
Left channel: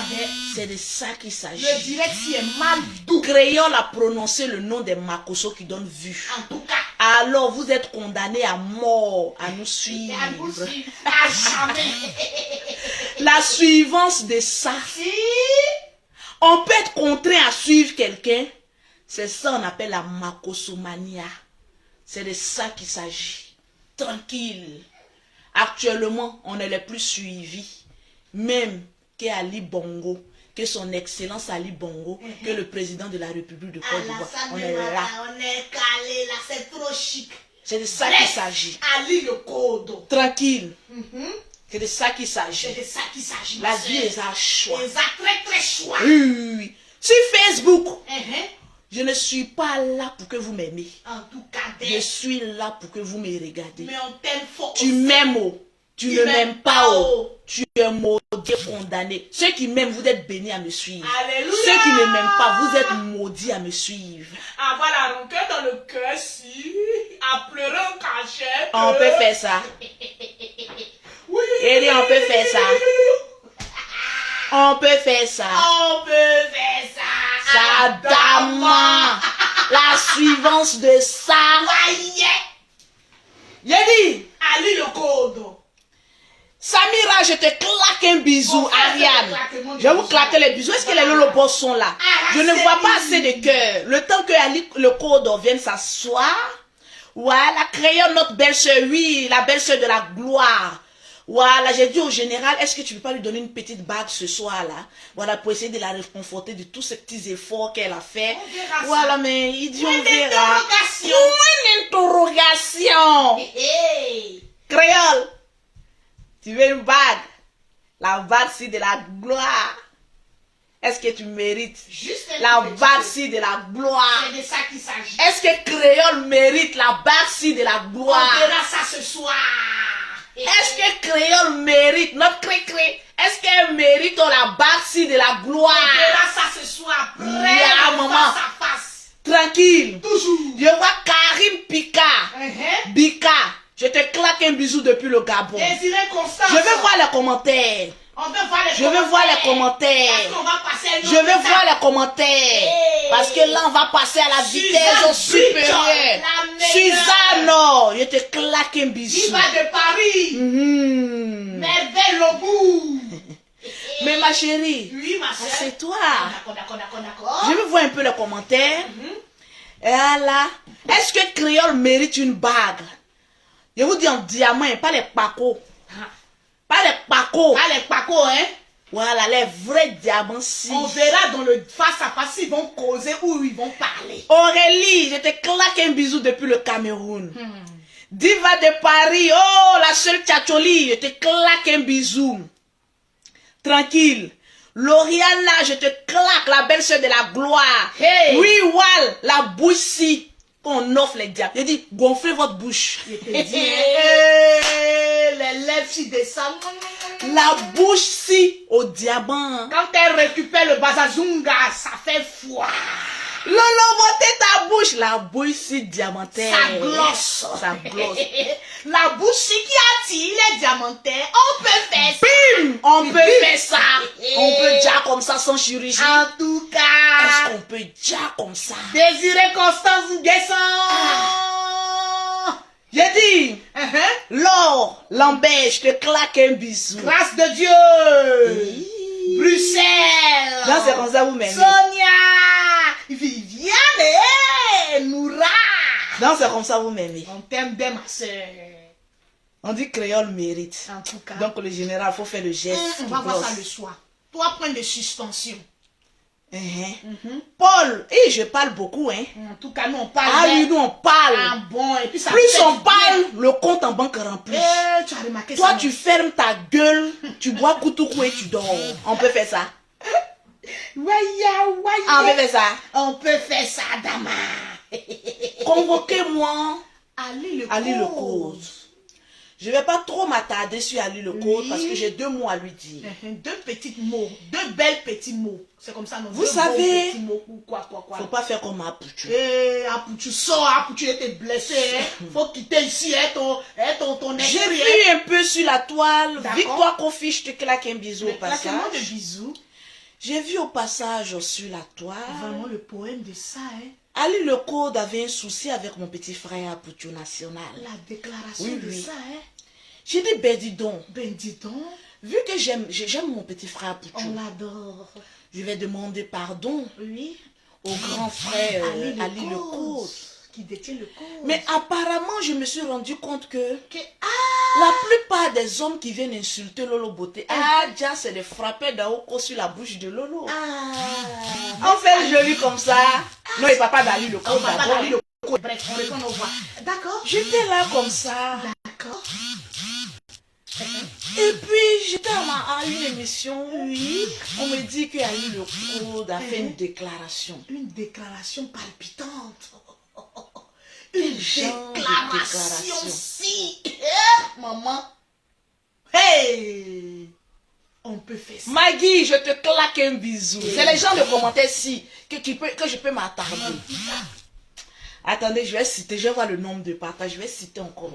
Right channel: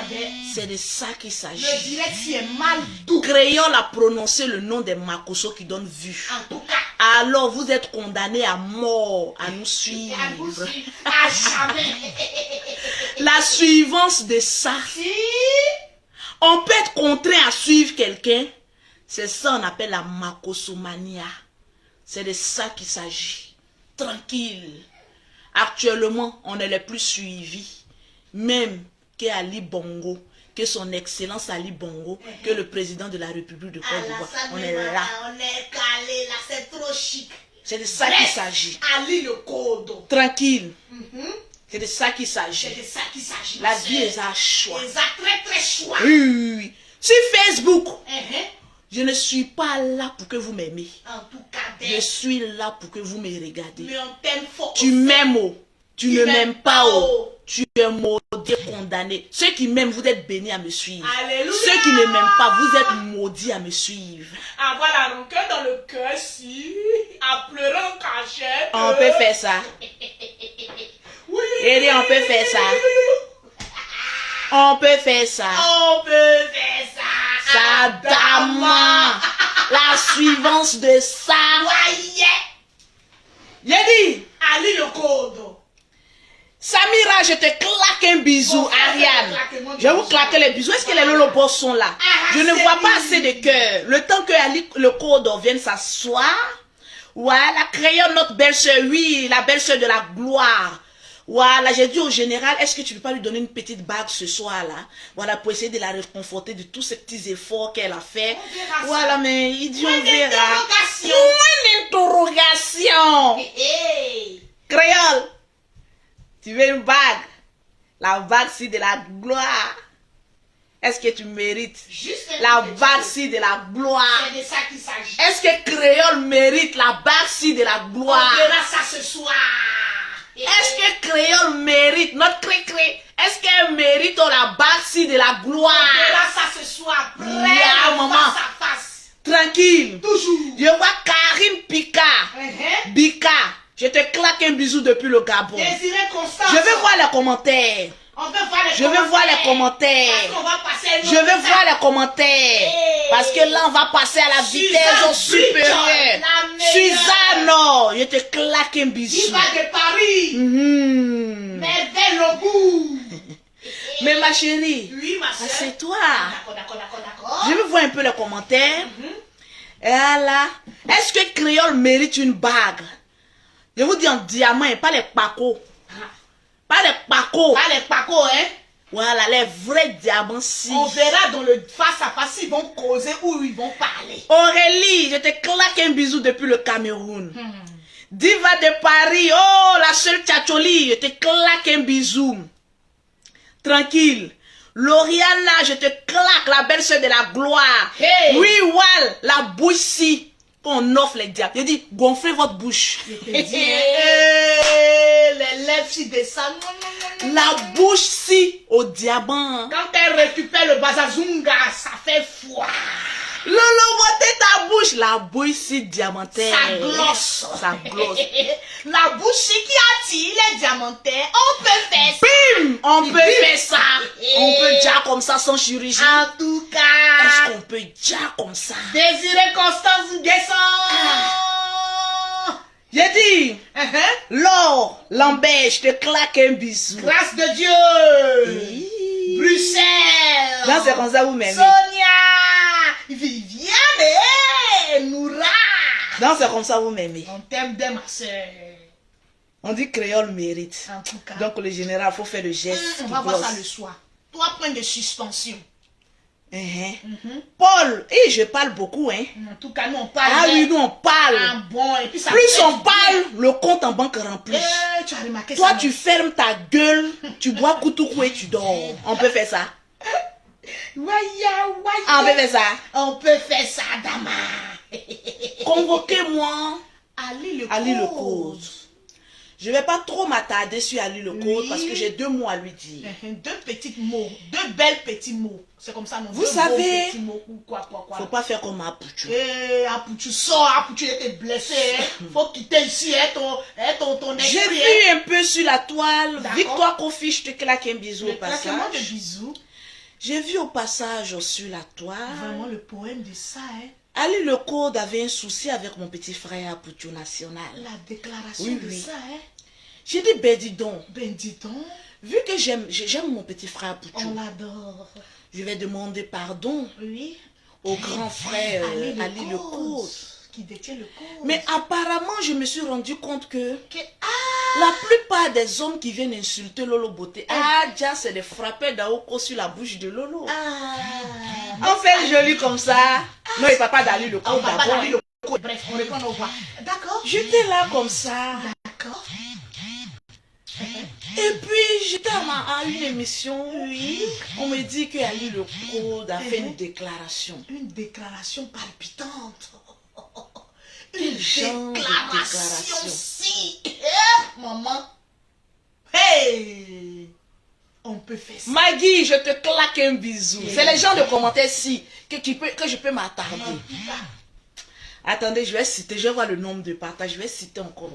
c'est de ça qu'il s'agit. Le direct si est mal doux. Créole a prononcé le nom des Makoso qui donnent vue. En tout cas. Alors vous êtes condamnés à mort à nous suivre. À nous suivre. À jamais. La suivance de ça. Si. On peut être contraint à suivre quelqu'un. C'est ça on appelle la Makosomania. C'est de ça qu'il s'agit. Tranquille. Actuellement, on est les plus suivis. Même qu'Ali Bongo, que son excellence Ali Bongo, que le président de la République de Côte d'Ivoire. On est là. On est calé là, c'est trop chic. C'est de ça qu'il s'agit. Ali le code. Tranquille. C'est de ça qu'il s'agit. C'est de ça qu'il s'agit. La vie est un choix. C'est un très très choix. Oui. Sur Facebook, Uh-huh. je ne suis pas là pour que vous m'aimez. En tout cas, Je suis là pour que vous me regardez. mais on t'aime fort. Tu m'aimes, oh. Tu ne m'aimes pas, oh. oh. Tu es maudit, condamné. Ceux qui m'aiment, vous êtes bénis à me suivre. Alléluia. Ceux qui ne m'aiment pas, vous êtes maudits à me suivre. Avoir la rancœur dans le cœur, si. À pleurer en cachette. On peut faire ça. Oui. Et on peut faire ça. On peut faire ça. On peut faire ça. Adama. La suivance de ça. Voyez. J'ai dit, Ali le code. Samira, je te claque un bisou, Ariane. Je vais vous claquer les bisous. Est-ce que les lolobos sont là? Je ne vois pas assez de cœur. Le temps que Ali, le code vienne s'asseoir. Voilà, créons notre belle-sœur. Oui, la belle-sœur de la gloire. Voilà, j'ai dit au général, est-ce que tu ne peux pas lui donner une petite bague ce soir-là? Voilà, pour essayer de la réconforter de tous ces petits efforts qu'elle a fait. Voilà, mais il dit, on verra. Point d'interrogation. Hey. Créole, tu veux une bague? La bague, c'est de la gloire. Est-ce que tu mérites? Juste La bague, c'est de la gloire. C'est de ça qu'il s'agit. Est-ce que Créole mérite la bague, c'est de la On gloire? verra ça ce soir. Est-ce que Créole mérite, notre cré-cré, est-ce qu'elle mérite la bague de la gloire? On verra ça ce soir. Près Ya, de maman. face à face. Tranquille. Toujours. Je vois Karim Pika. Bika. Je te claque un bisou depuis le Gabon. Désiré Constance. Je veux voir les commentaires. On veut voir les Je veux voir les commentaires. Parce qu'on va passer à une Je autre veux voir étape. les commentaires. Hey. Parce que là, on va passer à la vitesse supérieure. La meilleure. Suzanne, non, je te claque un bisou. Diva de Paris. Mhm. Merveille au bout. Mais ma chérie, Oui, ma soeur. assieds-toi. D'accord. Je veux voir un peu les commentaires. Voilà. Est-ce que Créole mérite une bague? Je vous dis en diamant et pas les pacos. Pas les pacos. Pas les pacos, hein. Voilà, les vrais diamants si. On verra dans le face à face s'ils vont causer ou ils vont parler. Aurélie, je te claque un bisou depuis le Cameroun. Diva de Paris, oh, la seule tchatcholi, je te claque un bisou. Tranquille. Lauriana, je te claque, la belle-sœur de la gloire. Hey. Oui, Wal, la bouche si. On offre les diamants. Je dis, gonflez votre bouche. Je te dis, hein. Les lèvres s'y descendent. La bouche si au diamant. Quand elle récupère le bazazunga, ça fait froid. Lolo, montez ta bouche. La bouche si diamantaire. Ça glosse. Ça glosse. La bouche qui attire les diamantaires, on peut faire ça. Bim! On peut faire ça. On peut dire comme ça sans chirurgie. En tout Est-ce cas, qu'on peut dire comme ça? Désiré Constance Nguesson. J'ai dit, Laure, Lambert, je te claque un bisou. Grâce de Dieu. Oui. Bruxelles. Non, c'est comme ça vous m'aimez. Sonia. Viviane. Noura. Non, c'est comme ça vous m'aimez. On t'aime bien, ma soeur. On dit créole mérite. En tout cas. Donc le général, il faut faire le geste. On va voir ça le soir. 3 points de suspension. Paul, je parle beaucoup, hein. En tout cas, nous on parle. Ah oui, nous on parle. Ah bon, et puis ça Plus fait on du parle, le compte en banque rempli. bien. Tu as remarqué Toi, ça? tu fermes ta gueule, tu bois koutoukou et tu dors. On peut faire ça. Waya. On peut faire ça. On peut faire ça, Dama. Convoquez-moi Ali le Ali le cause. cause. Je ne vais pas trop m'attarder sur Ali le cause Oui. parce que j'ai 2 mots à lui dire. 2 petits mots. 2 belles petits mots. C'est comme ça, non? Vous 2 savez- beaux petits mots ou quoi. Faut pas faire comme Apouchou. Tu sors, tu es blessé. Faut quitter ici, ton J'ai esprit. vu un peu sur la toile. D'accord. Victoire Kofi, je te claque un bisou Le au passage. claquement de bisous. J'ai vu au passage sur la toile. Vraiment le poème de ça, hein. Ali le Code avait un souci avec mon petit frère Apouchou National. La déclaration Oui, de oui. ça, hein. J'ai dit, ben dis donc, Ben dis donc, vu que j'aime mon petit frère Apouchou, on l'adore. je vais demander pardon Oui. au grand frère Ali le Code. Qui détient le code. Mais apparemment, je me suis rendu compte que Que- la plupart des hommes qui viennent insulter Lolo Beauté, déjà c'est de frapper d'Aoko sur la bouche de Lolo. On fait joli comme ça. Non, il ne parle pas d'Ali le On Code va pas d'abord. d'Ali le code. Bref, on reprend nos voix. D'accord? J'étais là comme ça. D'accord. Et puis, j'étais à une émission. Oui. On me dit qu'il y a eu le code à faire une déclaration. Une déclaration palpitante. Quel Une genre de déclaration déclaration? si. Maman. Hey! On peut faire ça. Maggie, je te claque un bisou. Yeah. C'est les gens de commentaires-ci que je peux m'attarder. En tout cas. Attendez, je vais citer, je vais voir le nombre de partages. Je vais citer encore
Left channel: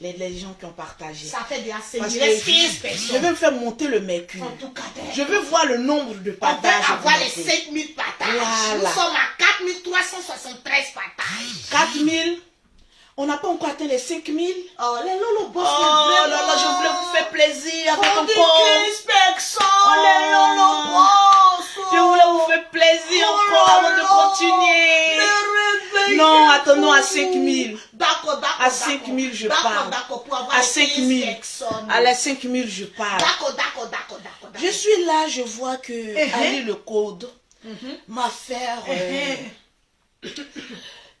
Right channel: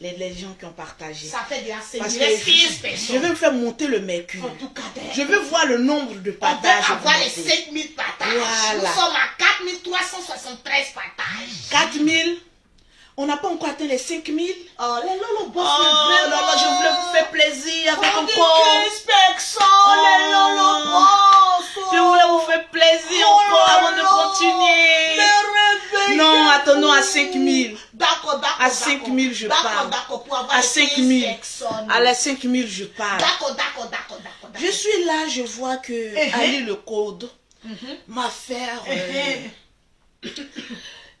les gens qui ont partagé. Ça fait déjà Parce 15 que personnes. je vais me faire monter le mercure. En tout cas, Je veux voir le nombre de on va partages. avoir les augmenter. 5000 partages. Voilà. Nous sommes à 4373 partages. 4000. On n'a pas encore atteint les 5000. Oh, les Lolo Boss, Oh là là, je voulais vous faire plaisir avec On un dit corps. 15 personnes, les Lolo Boss. Je voulais vous faire plaisir encore avant de continuer. Non, attendons à 5000. D'accord. À 5000, je pars. D'accord, pour avoir À les 5000. 15 personnes. À la 5000, je pars. D'accord. Je suis là, je vois que Ali le code m'a fait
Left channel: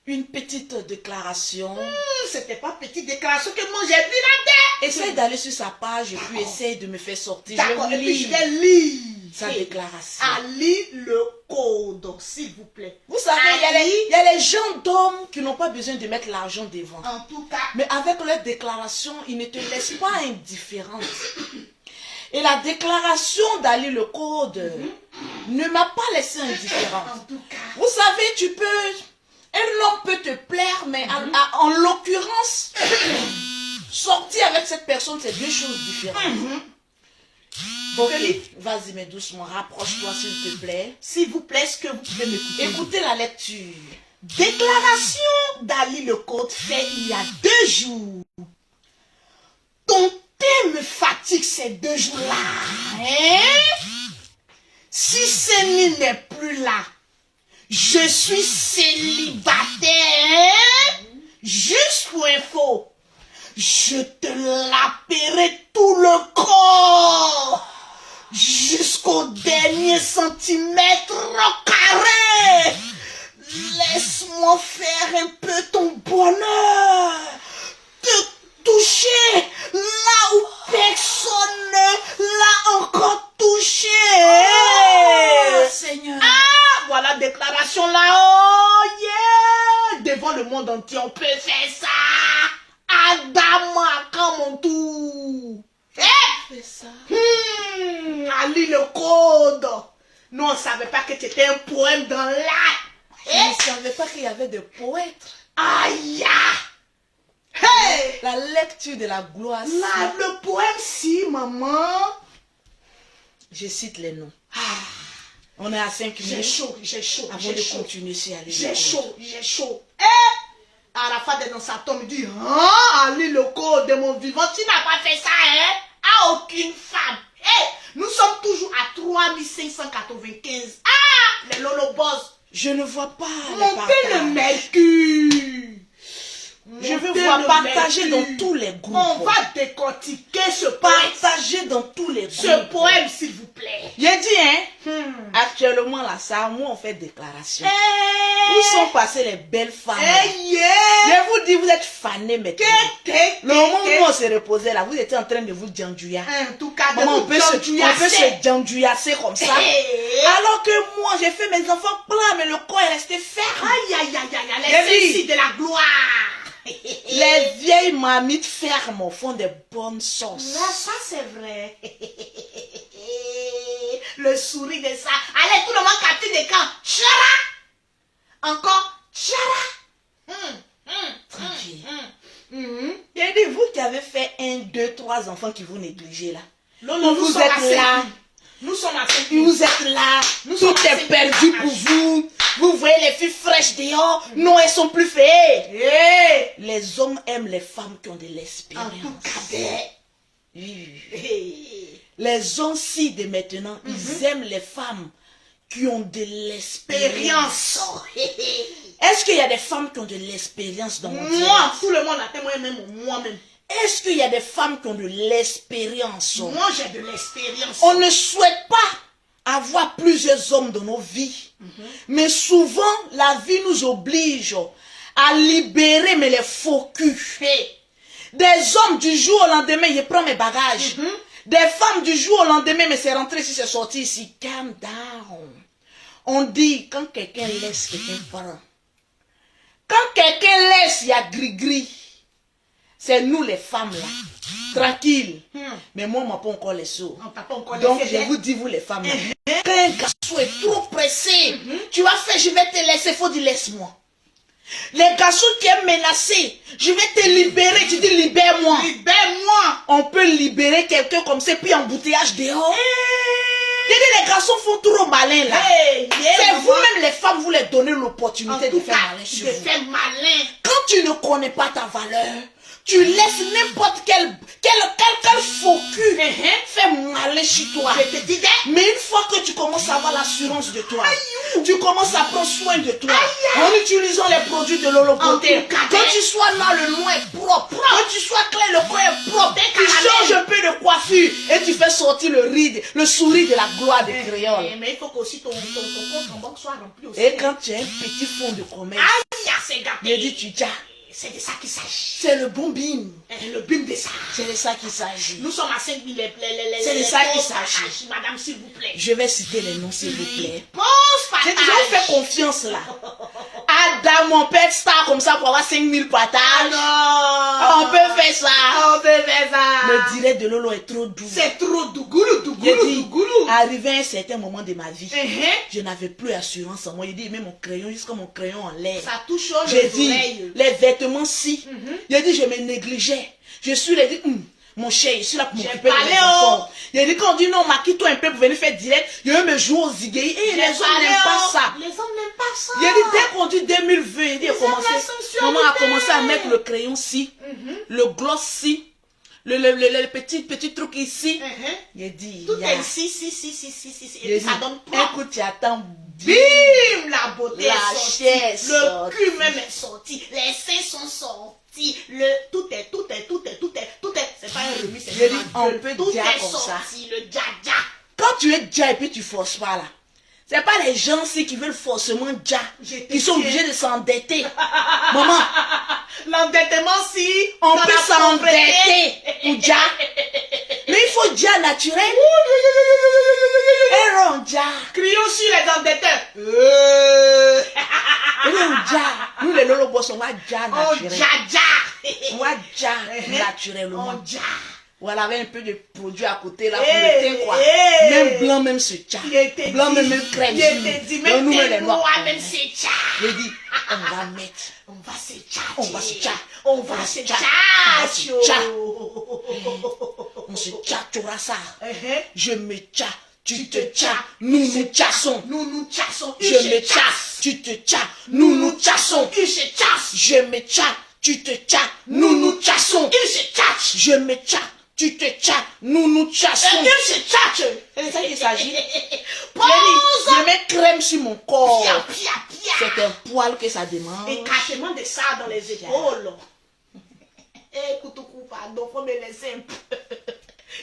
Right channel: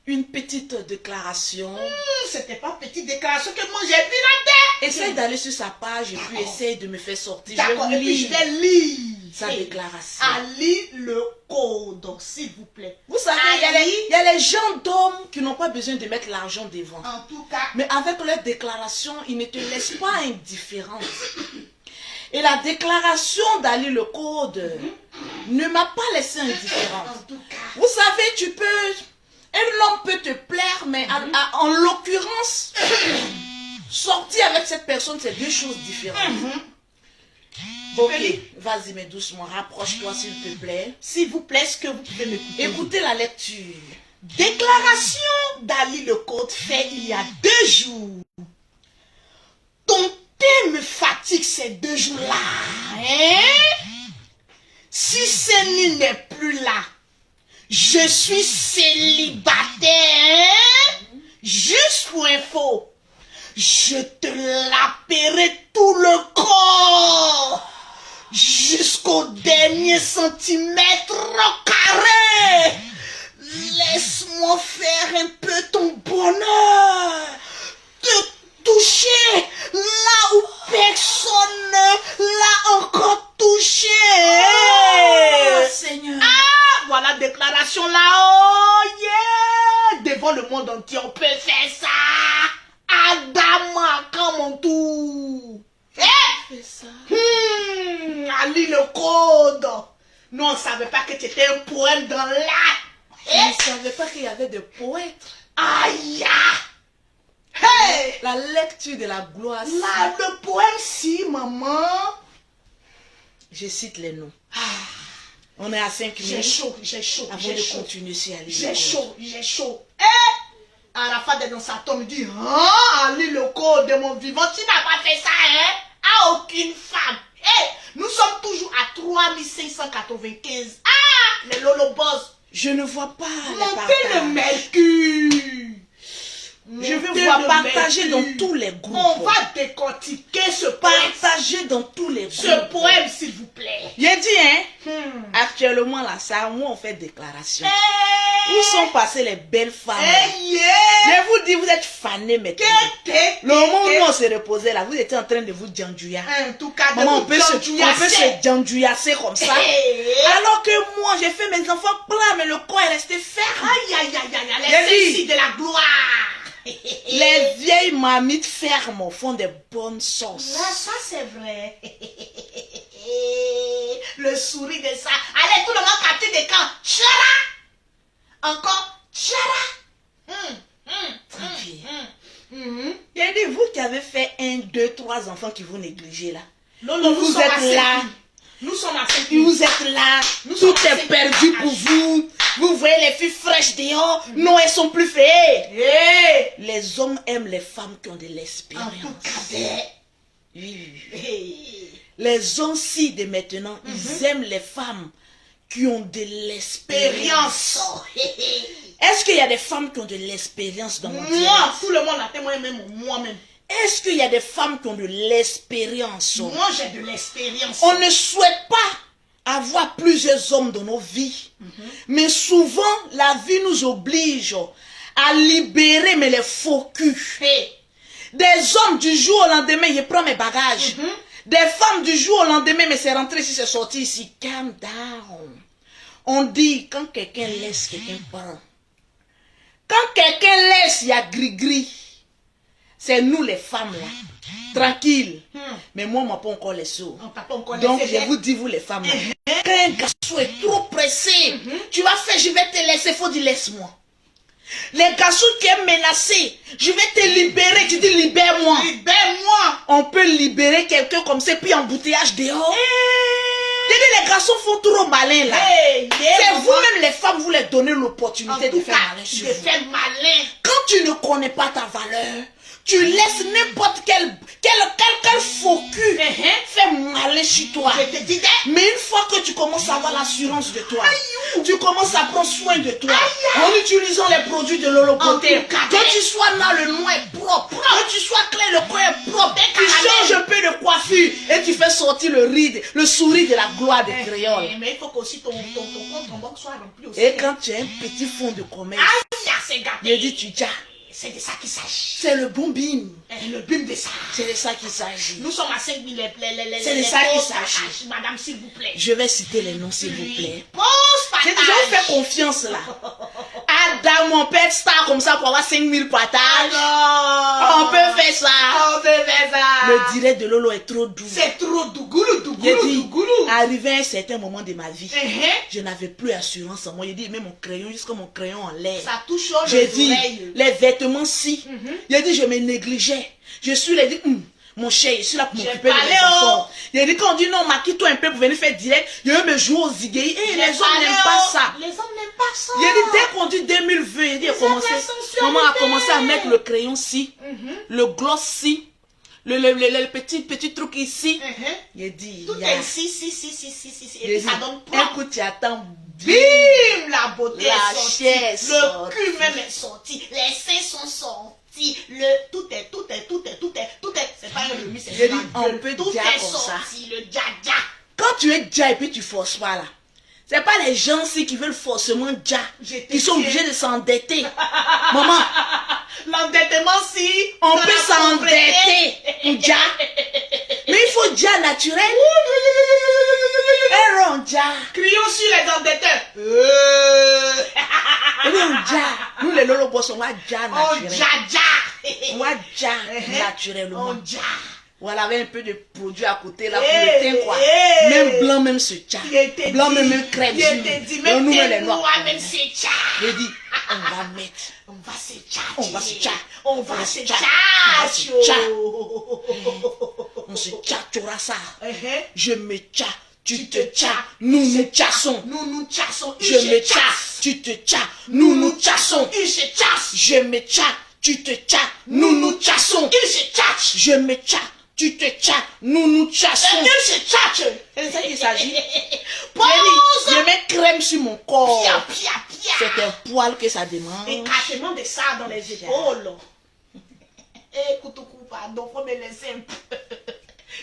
une petite déclaration. C'était pas petite déclaration que moi j'ai vu la tête. Essaye d'aller sur sa page et puis essaye de me faire sortir. D'accord, Je et puis je lire vais lire sa déclaration. Ali le code, s'il vous plaît. Vous savez, il y a les gens d'hommes qui n'ont pas besoin de mettre l'argent devant. En tout cas, Mais avec leur déclaration, ils ne te laissent pas indifférente. Et la déclaration d'Ali le code ne m'a pas laissé indifférente. en tout cas, Vous savez, tu peux... Un homme peut te plaire, mais en l'occurrence, sortir avec cette personne, c'est deux choses différentes. Ok, vas-y, mais doucement, rapproche-toi s'il te plaît. s'il vous plaît, est-ce que vous pouvez m'écouter? Écoutez la lecture. Déclaration d'Ali le code fait il y a 2 jours. Ton thé me fatigue ces 2 jours-là. Hein? Si Céline n'est plus là, je suis célibataire. Hein? Juste pour info, je te laperai tout le corps jusqu'au dernier centimètre carré. Laisse-moi faire un peu ton bonheur, te toucher là où personne ne l'a encore touché. Seigneur. Ah, voilà déclaration là, oh yeah, devant le monde entier, on peut faire ça. Adama, quand mon tour. Fais ça. Ali le code. Nous, on ne savait pas que c'était un poème dans l'art. Je ne savais pas qu'il y avait des poètes. Aïe! Hey! La lecture de la gloire. Là, le poème, si, maman. Je cite les noms. On est à 5 J'ai minutes. chaud, j'ai chaud, Avant j'ai de chaud. continuer sur Ali le J'ai code. chaud, j'ai chaud. Arafat est dans sa tombe, il dit, hein, Ali le code de mon vivant, tu n'as pas fait ça, hein, à aucune femme. Nous sommes toujours à 3595. Ah, les Lolo Boss. Je ne vois pas les Montez le partages. mercure. Je veux Montez voir le partager dans mercure. tous les groupes. On va décortiquer ce poème. Partager dans tous les groupes. Ce poème, s'il vous plaît. J'ai dit, hein, actuellement, là, ça, moi, on fait déclaration. Où sont passées les belles femmes? Je vous dis, vous êtes fanés maintenant. Le moment où on s'est reposé là, vous étiez en train de vous djandjouya. En tout cas, de Maman, on vous peut se djandjouillasser comme ça. Alors que moi, j'ai fait mes enfants plats, mais le corps est resté ferme. Aïe, les filles de la gloire. Les vieilles mamites fermes font des bonnes sauces. Là, ça c'est vrai. Le sourire de ça. Allez, tout le monde capter des camps. Tchara. Encore. Tchara. Tranquille. J'ai dit, vous qui avez fait 1, 2, 3 enfants qui vous négligez là. Non, vous sommes êtes à là. 5 000. Nous sommes à 5 000. Vous êtes là. Nous Tout sommes à est 5 000 perdu pour partages. vous. Vous voyez les filles fraîches dehors. Non, elles sont plus fées. Les hommes aiment les femmes qui ont de En l'expérience. tout cas, Les hommes ci de maintenant, ils aiment les femmes qui ont de l'expérience. Est-ce qu'il y a des femmes qui ont de l'expérience dans mon Moi, direct? tout le monde a témoigné, même moi-même. Est-ce qu'il y a des femmes qui ont de l'expérience? Moi, j'ai de l'expérience. On ne souhaite pas avoir plusieurs hommes dans nos vies. Mais souvent, la vie nous oblige à libérer mais les faux culs. Hey. Des hommes du jour au lendemain, je prends mes bagages. Des femmes du jour au lendemain, mais c'est rentré ici, c'est sorti ici. Calm down. On dit, quand quelqu'un laisse, quelqu'un prend. Quand quelqu'un laisse, il y a gris-gris. C'est nous les femmes là. Tranquille. Mais moi, on m'a pas encore laissé. Donc, je vous dis, vous les femmes là. Quand un garçon est trop pressé, tu vas faire, je vais te laisser, faut dire laisse-moi. Les garçons qui est menacé, je vais te libérer, tu dis libère-moi. Libère-moi. On peut libérer quelqu'un comme ça, puis embouteillage dehors. Les garçons font trop malin là. C'est vous-même les femmes, vous leur donnez l'opportunité de faire malin sur vous. Quand tu ne connais pas ta valeur, tu laisses n'importe quel faux cul faire malin sur toi. Je te disais. Mais une fois que tu commences à avoir l'assurance de toi, tu commences à prendre soin de toi, en utilisant les produits de l'holopoté, que tu sois là, le nom est propre, que tu sois clair, le coin est propre, tu changes un peu de coiffure et tu fais sortir le sourire de la gloire de créole. Mais il faut qu'aussi ton compte en banque soit rempli aussi. Et quand tu as un petit fond de commerce, c'est gâté. je dis tu dis, c'est de ça qu'il s'agit. c'est le bon bim. Le bim de ça. C'est de ça qu'il s'agit. Nous sommes à 5 000 c'est de ça qu'il s'agit. Madame, s'il vous plaît. Je vais citer les noms, s'il vous plaît. Pause J'ai partage. déjà fait confiance là. Adam, mon père star comme ça pour avoir 5000 partages. Non. On peut faire ça. On peut faire ça. Le direct de Lolo est trop doux. C'est trop dougoulou, J'ai dit, dougoulou. arrivé à un certain moment de ma vie, Uh-huh. je n'avais plus assurance en moi. J'ai dit, mets mon crayon jusqu'à mon crayon en l'air. Ça touche J'ai les dit, oreilles. les vêtements si. J'ai dit, je me négligeais. Je suis là, j'ai dit, mon cher, je suis là pour J'ai m'occuper de parlé, mes enfants. J'ai dit, quand on dit non, maquille-toi un peu pour venir faire direct, je vais me jouer aux zigueilles. Eh, les hommes n'aiment pas ça. Les hommes n'aiment pas ça. J'ai dit, dès qu'on dit 2020, j'ai dit, maman a commencé à mettre le crayon ci, le gloss ci, le petit truc ici. J'ai dit, Tout ya. est ici. J'ai Et dit, ça donne propre. écoute, tu attends. Bim, la beauté La est sortie. chair est Le sortie. cul même est sorti. Les seins sont sortis. Tout est. C'est pas un remis, c'est J'ai dit, un on gueule. peut Tout dire est comme ça. sorti. Le dja. Quand tu es déjà et puis tu forces pas là. C'est pas les gens aussi qui veulent forcément déjà, qui sont obligés de s'endetter. Maman, L'endettement, si. on dans peut la s'endetter pour déjà. Mais il faut déjà naturel. Et non, déjà. Crions sur les endetteurs. Et non, déjà. Nous les lolo boss, on va déjà On naturel. dja. On va déjà naturellement. On dja. Voilà, avec un peu de produit à côté là Eh, pour le teint quoi. eh. Même blanc, même ce tcha. Je t'ai Blanc, dit, même crème. je t'ai dit, même nous, tes les noirs. noirs, même c'est tcha. J'ai dit, on va mettre. On va se tcha. On va se tcha. On va se tcha. tcha. On va se tcha. On se tchatchera ça. Je me tcha. Tu te tcha. Nous nous tchassons. Nous tchassons. Je me tcha. Tu te tcha. Nous nous tchassons. Il se chasse. Je me tcha. Tu te tcha. Nous nous tchassons. Il se chasse. Je me tcha. Tu te tcha. Nous nous tchassons. Il se chasse. C'est de ça qu'il s'agit. Pause. Je mets crème sur mon corps. Pia. C'est un poil que ça demande. Et carrément de ça dans les épaules. Écoute, pardon, faut me laisser un peu.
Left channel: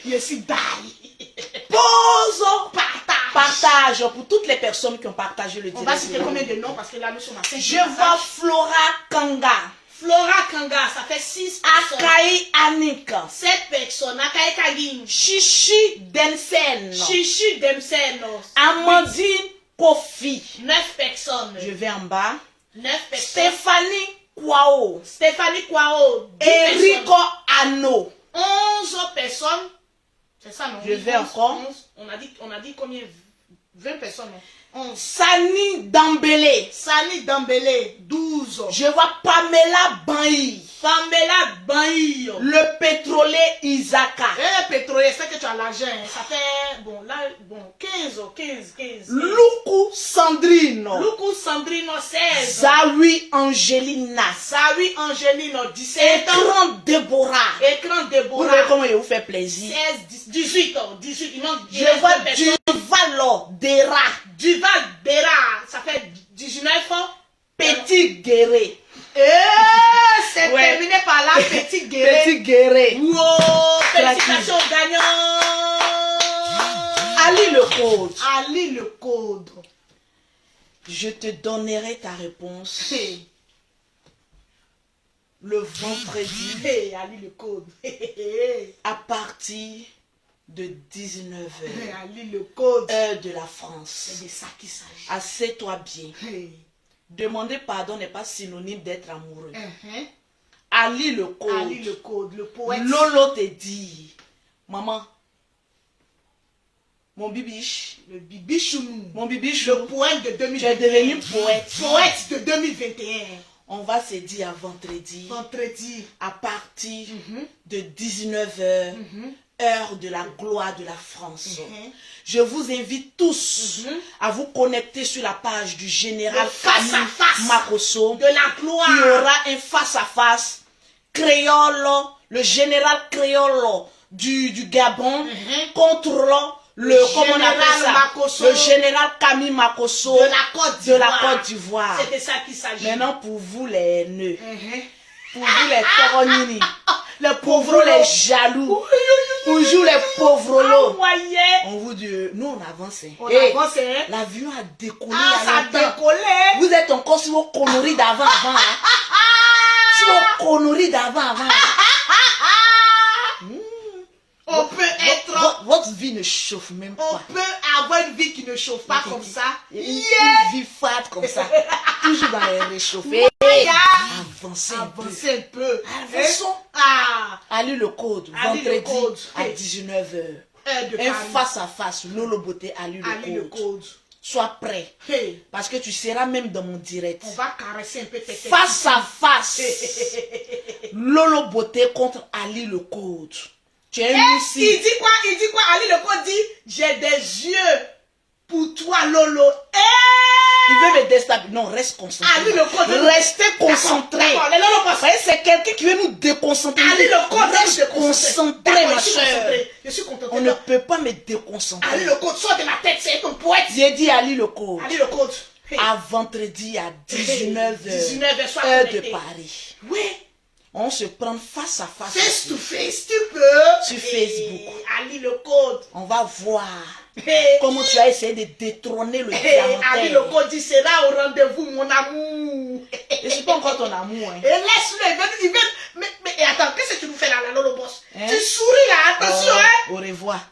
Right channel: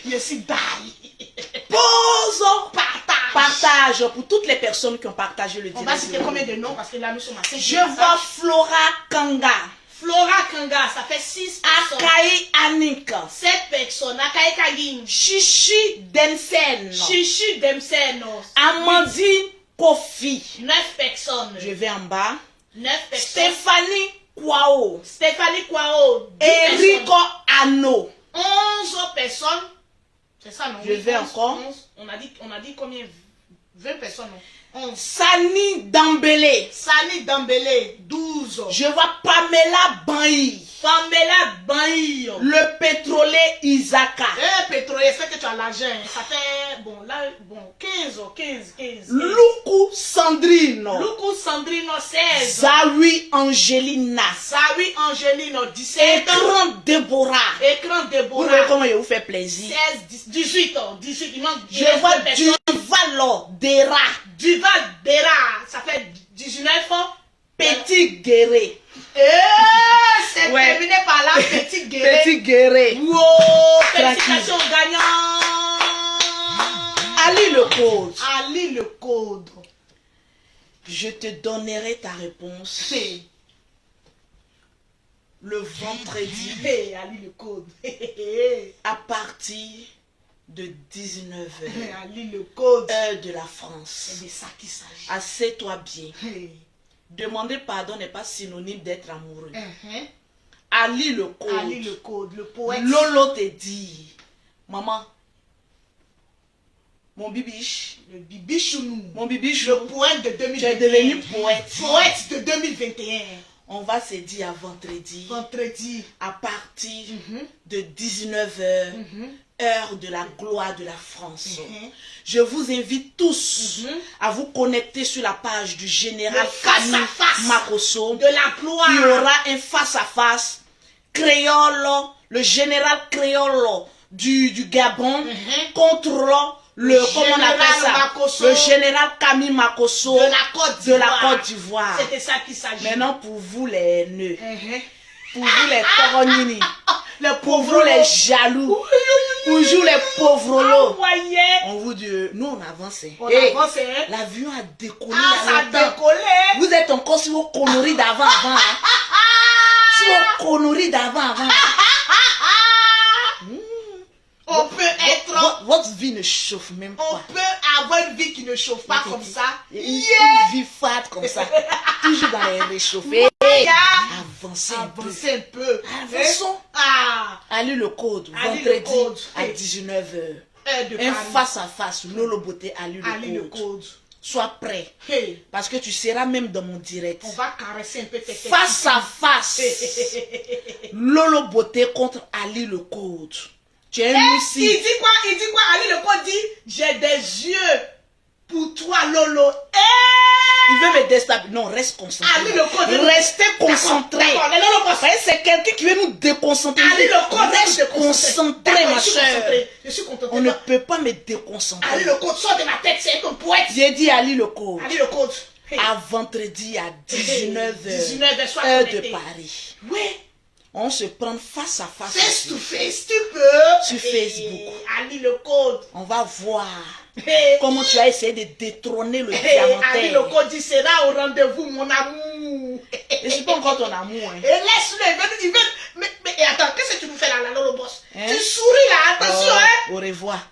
Je suis die. Pause. Partage. Partage pour toutes les personnes qui ont partagé le On direct. va citer combien de noms parce que là nous sommes à 5. Je vois Flora Kanga, Flora Kanga, ça fait 6 personnes. Akai Anik, 7 personnes. Akai Kagin. Chichi Densen, Chichi Demsen. Amandine Kofi. 9 personnes. Je vais en bas. 9 personnes. Stéphanie Kwao, Stéphanie Kwao. 10 Erico personnes. Ano. 11 personnes. C'est ça, non? Je vais encore. 11. On a dit combien? 20 personnes, non? 11. Sani Dambele. Sani Dambele, 12. Je vois Pamela Bailly. Pamela Bailly. Le pétrolier Isaka. Pétrolier, c'est que tu as l'argent. Ça fait, bon, là, bon, 15. Luku Sandrino. Luku Sandrino, 16. Zawi Angelina. Sawi Angelino, 17 ans. Écran Déborah. Écran Vous voyez Déborah, comment il vous fait plaisir. 16, 18 ans. 18, il manque Je vois deux personnes. Duvalo Dera. Duval Dera, ça fait 19 ans. Petit Guéré. C'est Ouais. terminé par la petite guerre. Petit Guéré. Wow, félicitations gagnants. Ali le code. Ali le code. Je te donnerai ta réponse le vendredi, Hey, Ali le code. à partir de 19h, Ali le code. heure de la France. C'est de ça qu'il s'agit. Assieds-toi bien. Hey. Demander pardon n'est pas synonyme d'être amoureux. Uh-huh. Ali le code. Ali le code, le poète. Lolo te dit, maman, mon bibiche, Le bibichounou. mon bibiche, Le poète de tu es 2021. devenu poète. Poète de 2021. On va se dire à vendredi, Vendredi. à partir Mhm. de 19h, Mhm. heure de la gloire de la France. Mhm. Je vous invite tous Mhm. à vous connecter sur la page du général Le face-à-face Camille Makosso. de la gloire. Il y aura un face-à-face créole, le général créole du Gabon Mhm. contre le comment on général appelle ça? Makosso. Le général Camille Makosso De la Côte de la d'Ivoire. Côte d'Ivoire. C'est de ça qu'il s'agit. Maintenant, pour vous les nœuds, Mhm. pour vous les coronini, Le pour vous pauvre les jaloux, pour vous les pauvres lots, Envoyé. on vous dit, nous on avance. On Hey, avance, hein. l'avion a décollé Ah, il y a ça a longtemps. décollé. Vous êtes encore sur vos conneries d'avant. Hein. Sur vos conneries d'avant. On peut être... Votre vie ne chauffe même On pas. peut avoir une vie qui ne chauffe pas comme ça. Une vie fade comme ça. Toujours dans les réchauffés. Yeah. Avancez un peu. Avancez un peu. Avançons. Ah. Allez le code. Ali le Vendredi code. à 19h. Heure de Un Paris. face à face. Lolo Beauté, Ali Ali le le code. code. Sois prêt. Hey. Parce que tu seras même dans mon direct. On va caresser un peu tes têtes. Face à face. Lolo Beauté contre Ali le code. Tu es Il ici. dit quoi? Il dit quoi? Ali le code dit, j'ai des yeux pour toi, Lolo. Il veut me déstabiliser. Non, reste concentré. Ali le code. Restez concentré. D'accord, les Lolo passent. C'est quelqu'un qui veut nous déconcentrer. Ali le code. Reste concentré, ma soeur. Je suis concentré. On ne peut pas me déconcentrer. Ali le code, sort de ma tête, c'est ton poète. J'ai dit Ali le code. Ali le code. Hey. À vendredi à 19h. 19h, sois heure de connecté. Paris. Oui. On se prend face à face. Face to face, tu peux. Sur Hey, Facebook. Ali le code. On va voir Hey. comment tu as essayé de détrôner le Hey, Ali le diamantaire. code dit, sera au rendez-vous, mon amour. Et c'est pas encore ton amour. Hein. Et laisse-le, il veut. Mais attends, qu'est-ce que tu nous fais là, Lolo Boss? Hein? Tu souris là, attention, hein? Au revoir.